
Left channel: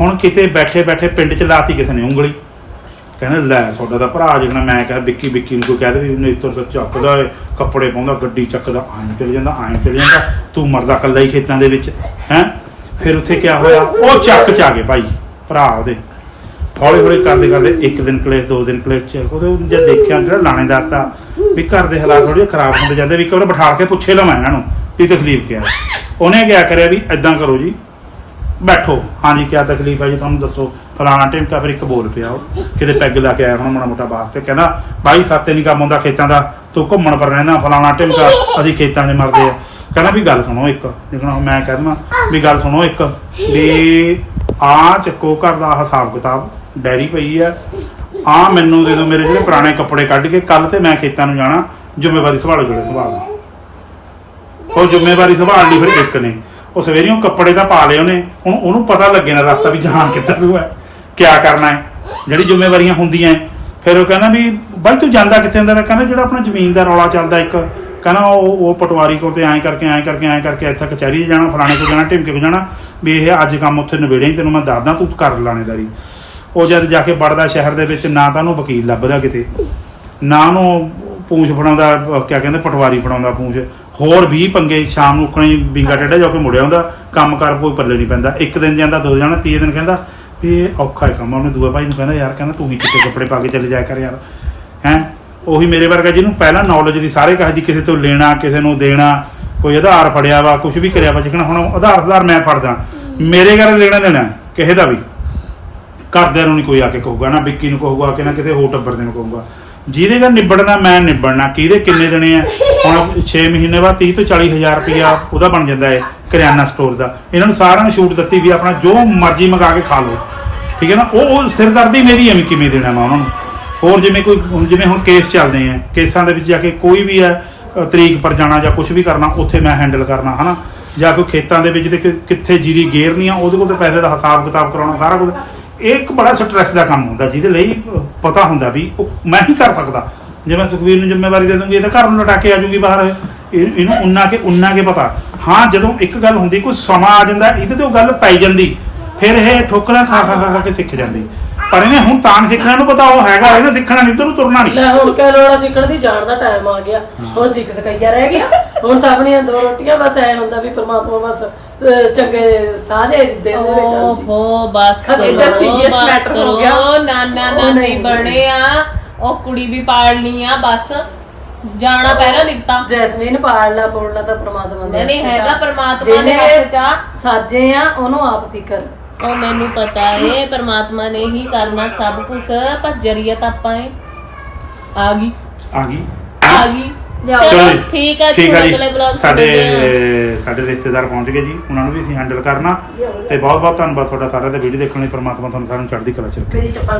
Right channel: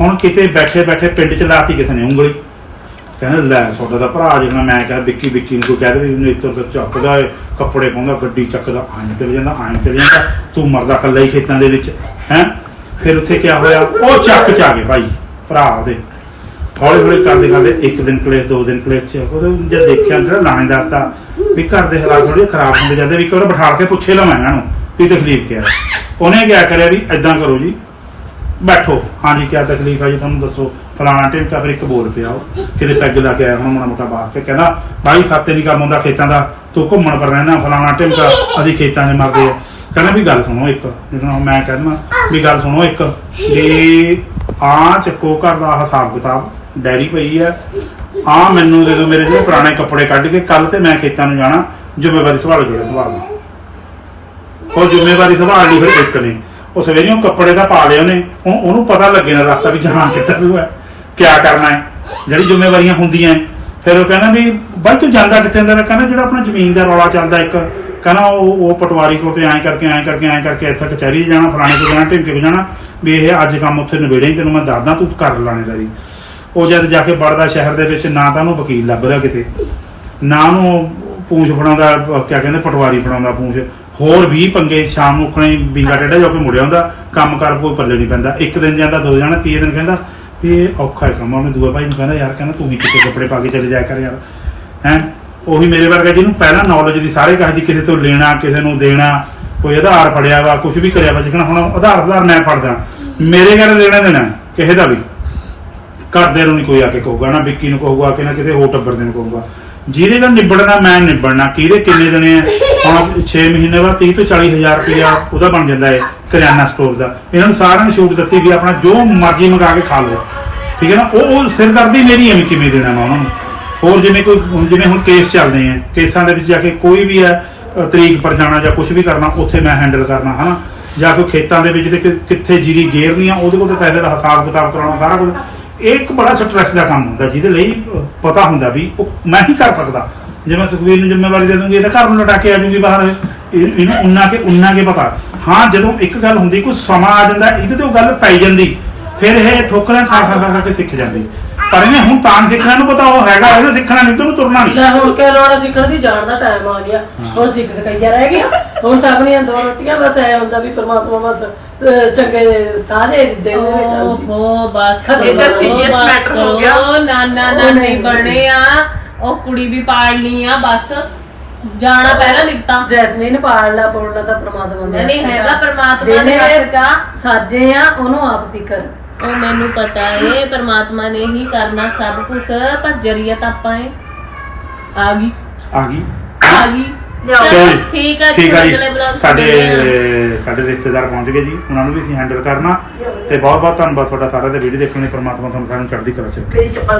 ਹੁਣ ਕਿਤੇ ਬੈਠੇ ਬੈਠੇ ਪਿੰਡ ਚ ਲਾਤੀ ਕਿਸੇ ਨੇ ਉਂਗਲੀ। ਕਹਿੰਦੇ, ਲੈ ਤੁਹਾਡਾ ਤਾਂ ਭਰਾ ਜਿਵੇਂ ਮੈਂ ਕਿਹਾ ਵਿੱਕੀ ਵਿੱਕੀ ਨੂੰ ਕੋਈ ਕਹਿ ਵੀ ਉਹਨੇ ਇੱਧਰ ਤੋਂ ਚੱਕਦਾ ਕੱਪੜੇ ਪਾਉਂਦਾ, ਗੱਡੀ ਚੱਕਦਾ ਆਂ ਚਲੇ ਜਾਂਦਾ ਆਂ ਚਲੇ ਜਾਂਦਾ, ਤੂੰ ਮਰਦਾ ਕੱਲਾ ਹੀ ਖੇਤਾਂ ਦੇ ਵਿੱਚ, ਹੈ? ਫਿਰ ਉੱਥੇ ਕੀ ਹੋਇਆ? ਉਹ ਚੱਕ ਚ ਆ ਗਏ ਭਾਈ, ਭਰਾ ਉਹਦੇ। ਹੌਲੀ ਹੌਲੀ ਕਰਦੇ ਕਰਦੇ ਇੱਕ ਦਿਨ ਕਲੇਸ਼, ਦੋ ਦਿਨ ਕਲੇਸ਼ ਚ ਉਹਦੇ ਜਦ ਦੇਖਿਆ, ਜਿਹੜਾ ਲਾਣੇਦਾਰ ਤਾਂ ਵੀ ਘਰ ਦੇ ਹਾਲਾਤ ਥੋੜੇ ਖਰਾਬ ਹੁੰਦੇ ਜਾਂਦੇ, ਵੀ ਇੱਕ ਵਾਰ ਬਿਠਾ ਕੇ ਪੁੱਛੇ ਲਵਾਂ ਇਹਨਾਂ ਨੂੰ। ਵੀ ਤਕਲੀਫ ਕੀ ਹੈ। ਉਹਨੇ ਕਿਆ ਕਰਿਆ ਵੀ ਐਦਾਂ ਕਰੋ ਜੀ, ਬੈਠੋ। ਹਾਂਜੀ, ਕਿਆ ਤਕਲੀਫ ਆ ਜੀ, ਤੁਹਾਨੂੰ ਦੱਸੋ। ਫਲਾਣਾ ਟਿਮਕਾ ਫਿਰ ਇੱਕ ਬੋਲ ਪਿਆ ਉਹ। ਕਿਤੇ ਪੈਗ ਲਾ ਕੇ ਆਇਆ ਹੁਣ ਮਾੜਾ ਮੋਟਾ ਬਾਹਰ ਤੇ। ਕਹਿੰਦਾ, ਬਾਈ, ਸਾਤੇ ਨਹੀਂ ਕੰਮ ਆਉਂਦਾ ਖੇਤਾਂ ਦਾ। ਤੂੰ ਘੁੰਮਣ ਪਰ ਰਹਿਣਾ, ਫਲਾਣਾ ਟਿਮਕਾ ਅਸੀਂ ਖੇਤਾਂ 'ਚ ਮਰਦੇ ਆ। ਕਹਿੰਦਾ, ਵੀ ਗੱਲ ਸੁਣੋ ਇੱਕ। ਲੇਕਿਨ ਮੈਂ ਕਹਿੰਦਾ, ਵੀ ਗੱਲ ਸੁਣੋ ਇੱਕ। ਵੀ ਆ ਚੱਕੋ ਘਰ ਦਾ ਹਿਸਾਬ ਕਿਤਾਬ। ਡੈਰੀ ਪਈ ਹੈ ਆ ਮੈਨੂੰ ਦੇ ਦਿਓ ਮੇਰੇ ਜਿਹੜੇ ਪੁਰਾਣੇ ਕੱਪੜੇ ਕੱਢ ਕੇ। ਕੱਲ ਤੇ ਮੈਂ ਖੇਤਾਂ ਨੂੰ ਜਾਣਾ। ਜ਼ਿੰਮੇਵਾਰੀ ਸੰਭਾਲੋ, ਜਿਹੜੇ ਸੰਭਾਲਣਾ ਉਹ ਜ਼ਿੰਮੇਵਾਰੀ ਸੰਭਾਲ ਲਈ ਫਿਰ ਇੱਕ ਨੇ। ਉਹ ਸਵੇਰੇ ਉਹ ਕੱਪੜੇ ਤਾਂ ਪਾ ਲਏ ਉਹਨੇ। ਹੁਣ ਉਹਨੂੰ ਪਤਾ ਲੱਗੇ ਨਾ ਰਸਤਾ ਵੀ ਜਾਣ ਕਿੱਧਰ ਨੂੰ ਹੈ, ਕਿਆ ਕਰਨਾ ਹੈ। ਜਿਹੜੀ ਜ਼ਿੰਮੇਵਾਰੀਆਂ ਹੁੰਦੀਆਂ ਹੈ। ਫਿਰ ਉਹ ਕਹਿੰਦਾ ਵੀ ਬਾਈ ਤੂੰ ਜਾਂਦਾ ਕਿੱਥੇ ਹੁੰਦਾ? ਕਹਿੰਦਾ ਜਿਹੜਾ ਆਪਣਾ ਜ਼ਮੀਨ ਦਾ ਰੌਲਾ ਚੱਲਦਾ ਇੱਕ। ਕਹਿੰਦਾ ਉਹ ਉਹ ਪਟਵਾਰੀ ਕੋਲ ਤੇ ਐਂ ਕਰਕੇ ਐਂ ਕਰਕੇ ਐਂ ਕਰਕੇ ਇੱਥੇ ਕਚਹਿਰੀ ਜਾਣਾ, ਫਲਾਣੇ ਕੋਲ ਜਾਣਾ, ਢਿਮਕੇ ਕੋਲ ਜਾਣਾ। ਵੀ ਇਹ ਅੱਜ ਕੰਮ ਉੱਥੇ ਨਿਬੇੜੇ ਤੈਨੂੰ ਮੈਂ ਦੱਸਦਾ, ਤੂੰ ਕਰ ਲਾਣੇਦਾਰੀ। ਉਹ ਜਦ ਜਾ ਕੇ ਵੜਦਾ ਸ਼ਹਿਰ ਦੇ ਵਿੱਚ, ਨਾ ਤਾਂ ਉਹਨੂੰ ਵਕੀਲ ਲੱਭਦਾ ਕਿਤੇ। ਨਾ ਉਹਨੂੰ ਪੂੰਛ ਫੜਾਉਂਦਾ, ਕਿਆ ਕਹਿੰਦੇ, ਪਟਵਾਰੀ ਫੜਾਉਂਦਾ ਪੂੰਛ। ਹੋਰ ਵੀ ਪੰਗੇ ਸ਼ਾਮ ਨੂੰ ਉਖਣੇ ਬਿੰਗਾ ਟੇਡਾ ਜਾ ਕੇ ਮੁੜਿਆ ਹੁੰਦਾ, ਕੰਮ ਕਰ ਕੋਈ ਪੱਲੇ ਨਹੀਂ ਪੈਂਦਾ। ਇੱਕ ਦਿਨ ਜਾਂਦਾ, ਦੋ ਜਾਣਾ, ਤੀਏ ਦਿਨ ਕਹਿੰਦਾ, ਵੀ ਇਹ ਔਖਾ ਹੈ ਕੰਮ ਉਹਨੇ ਦੂਆ ਭਾਈ ਨੂੰ ਕਹਿੰਦਾ, ਯਾਰ ਕਹਿੰਦਾ ਤੂੰ ਵੀ ਕਿਤੇ ਕੱਪੜੇ ਪਾ ਕੇ ਚਲੇ ਜਾਇਆ ਕਰ ਯਾਰ। ਹੈ? ਉਹੀ ਮੇਰੇ ਵਰਗਾ ਜਿਹਨੂੰ ਪਹਿਲਾਂ ਨੌਲੇਜ ਦੀ ਸਾਰੇ ਕਹੇ ਦੀ ਕਿਸੇ ਤੋਂ ਲੈਣਾ, ਕਿਸੇ ਨੂੰ ਦੇਣਾ, ਕੋਈ ਆਧਾਰ ਫੜਿਆ ਵਾ ਕੁਝ ਵੀ ਕਰਿਆ ਵਾ, ਜਿਕਣਾ ਹੁਣ ਆਧਾਰ ਆਧਾਰ ਮੈਂ ਫੜਦਾ। ਮੇਰੇ ਘਰ ਲੈਣਾ ਦੇਣਾ, ਕਿਸੇ ਦਾ ਵੀ। ਘਰਦਿਆਂ ਨੂੰ ਨਹੀਂ ਕੋਈ ਆ ਕੇ ਕਹੂਗਾ, ਨਾ ਵਿੱਕੀ ਨੂੰ ਕਹੂਗਾ, ਕਿ ਨਾ ਕਿਤੇ ਹੋਰ ਟੱਬਰ ਦੇ ਨੂੰ ਕਹੂਗਾ। ਜਿਹਦੇ ਨਾਲ ਨਿਬੜਨਾ, ਮੈਂ ਨਿਬੜਨਾ, ਕਿਹਦੇ ਕਿੰਨੇ ਦੇਣੇ ਆ? ਹੁਣ 6 ਮਹੀਨੇ ਬਾਅਦ 30 ਤੋਂ 40 ਹਜ਼ਾਰ ਰੁਪਇਆ ਉਹਦਾ ਬਣ ਜਾਂਦਾ ਹੈ, ਕਰਿਆਨਾ ਸਟੋਰ ਦਾ। ਇਹਨਾਂ ਨੂੰ ਸਾਰਿਆਂ ਨੂੰ ਛੂਟ ਦਿੱਤੀ ਵੀ ਆਪਣਾ ਜੋ ਮਰਜ਼ੀ ਮੰਗਾ ਕੇ ਖਾ ਲਓ। ਠੀਕ ਹੈ ਨਾ? ਉਹ ਉਹ ਸਿਰਦਰਦੀ ਮੇਰੀ ਐਵੇਂ ਕਿਵੇਂ ਦੇਣਾ ਮੈਂ ਉਹਨਾਂ ਨੂੰ? ਹੋਰ ਜਿਵੇਂ ਕੋਈ ਜਿਵੇਂ ਹੁਣ ਕੇਸ ਚੱਲਦੇ ਆ ਕੇਸਾਂ ਦੇ ਵਿੱਚ ਜਾ ਕੇ ਕੋਈ ਵੀ ਹੈ ਤਰੀਕ ਪਰ ਜਾਣਾ ਜਾਂ ਕੁਝ ਵੀ ਕਰਨਾ, ਉੱਥੇ ਮੈਂ ਹੈਂਡਲ ਕਰਨਾ, ਹਨਾ? ਜਾਂ ਕੋਈ ਖੇਤਾਂ ਦੇ ਵਿੱਚ ਕਿ- ਕਿੱਥੇ ਜੀਰੀ ਗੇਰਨੀ ਆ ਉਹਦੇ ਕੋਲ ਤਾਂ ਪੈਸੇ ਦਾ ਹਿਸਾਬ ਕਿਤਾਬ ਕਰਾਉਣਾ ਸਾਰਾ ਕੁਝ ਇਹ ਇੱਕ ਬੜਾ ਸਟ੍ਰੈਸ ਦਾ ਕੰਮ ਹੁੰਦਾ, ਜਿਹਦੇ ਲਈ ਪਤਾ ਹੁੰਦਾ ਵੀ ਉਹ ਮੈਂ ਹੀ ਕਰ ਸਕਦਾ। ਜੇ ਮੈਂ ਸੁਖਵੀਰ ਨੂੰ ਜ਼ਿੰਮੇਵਾਰੀ ਦੇ ਦੂੰਗੀ, ਇਹ ਘਰ ਨੂੰ ਲਟਾ ਕੇ ਆ ਜੂਗੀ ਬਾਹਰ। ਇਹਨੂੰ ਉਨਾ ਕੇ ਉਨਾ ਕੇ ਪਤਾ। ਹਾਂ, ਜਦੋਂ ਇੱਕ ਗੱਲ ਹੁੰਦੀ, ਕੋਈ ਸਮਾਂ ਆ ਜਾਂਦਾ, ਇਹਦੇ ਤੇ ਉਹ ਗੱਲ ਪੈ ਜਾਂਦੀ। ਫਿਰ ਇਹ ਠੋਕਰਾਂ ਖਾ ਖਾ ਖਾ ਖਾ ਕੇ ਸਿੱਖ ਜਾਂਦੇ। ਪਰ ਇਹਨੇ ਹੁਣ ਤਾਂ ਸਿੱਖਣਾ ਨੂੰ ਪਤਾ ਉਹ ਹੈਗਾ ਇਹਨੇ ਸਿੱਖਣਾ ਨਹੀਂ ਤੇ ਉਹਨੂੰ ਤੁਰਨਾ ਨਹੀਂ ਲੈ ਹੁਣ ਕਿ ਲੋੜਾ ਸਿੱਖਣ ਦੀ? ਜਾਣ ਦਾ ਟਾਈਮ ਆ ਗਿਆ। ਹੁਣ ਸਿੱਖ ਸਕਈਆ ਰਹਿ ਗਿਆ। ਹੁਣ ਤਾਂ ਆਪਣੀਆਂ ਦੋ ਰੋਟੀਆਂ ਬਸ ਐ ਹੁੰਦਾ ਵੀ ਪ੍ਰਮਾਤਮਾ ਬਸ ਅਹ, ਚੰਗੇ ਸਾਰੇ ਦਿਨ ਦੇ ਵਿੱਚ ਆਉਂਦੀ। ਓਹੋ ਬਸ ਕਰੋ, ਕਰ serious ਬਸ matter ਹੋ ਗਿਆ। ਕਰੋ। ਨਾ ਨਾ ਉਹ ਨਾ ਨਹੀਂ। ਨਹੀਂ ਬਣੇ ਆ। ਉਹ ਕੁੜੀ ਵੀ ਪਾਲਣੀ ਆ ਬਸ। ਜਾਣਾ ਪਹਿਲਾਂ ਨਿਕਤਾ ਜੈਸਮੀਨ ਪਾਲਣਾ ਪੋਲਣਾ ਤਾਂ ਪ੍ਰਮਾਤਮਾ ਦਾ ਨਹੀਂ ਹੈਗਾ। ਪਰਮਾਤਮਾ ਦੇ ਜਿਹਨੇ ਹੱਥ ਚ ਆ। ਸਾਜੇ ਆ ਉਹਨੂੰ ਆਪ ਫਿਕਰ। ਉਹ ਮੈਨੂੰ ਪਤਾ ਏ ਪਰਮਾਤਮਾ ਨੇ ਹੀ ਕਰਨਾ ਸਭ ਕੁਝ ਪਰ ਜਰੀਆ ਤਾਂ ਆਪਾਂ ਏ। ਆ ਗਈ। ਆ ਗਈ? ਆ ਗਈ। ਚਲੋ ਚਲੋ ਜੀ। ਠੀਕ ਆ ਠੀਕ ਆ ਅਗਲੇ ਜੀ ਬਲੌਗ ਸਾਡੇ ਸਾਡੇ ਰਿਸ਼ਤੇਦਾਰ ਪਹੁੰਚ ਗਏ ਜੀ। ਉਹਨਾਂ ਨੂੰ ਵੀ ਅਸੀਂ ਹੈਂਡਲ ਕਰਨਾ। ਤੇ ਬਹੁਤ ਬਹੁਤ ਧੰਨਵਾਦ ਤੁਹਾਡਾ ਸਾਰਿਆਂ ਦਾ ਵੀਡੀਓ ਦੇਖਣ ਲਈ। ਪ੍ਰਮਾਤਮਾ ਤੁਹਾਨੂੰ ਸਾਰਿਆਂ ਨੂੰ ਚੜ੍ਹਦੀ ਕਲਾ ਚ ਰੱਖੇ। ਚੱਪਲ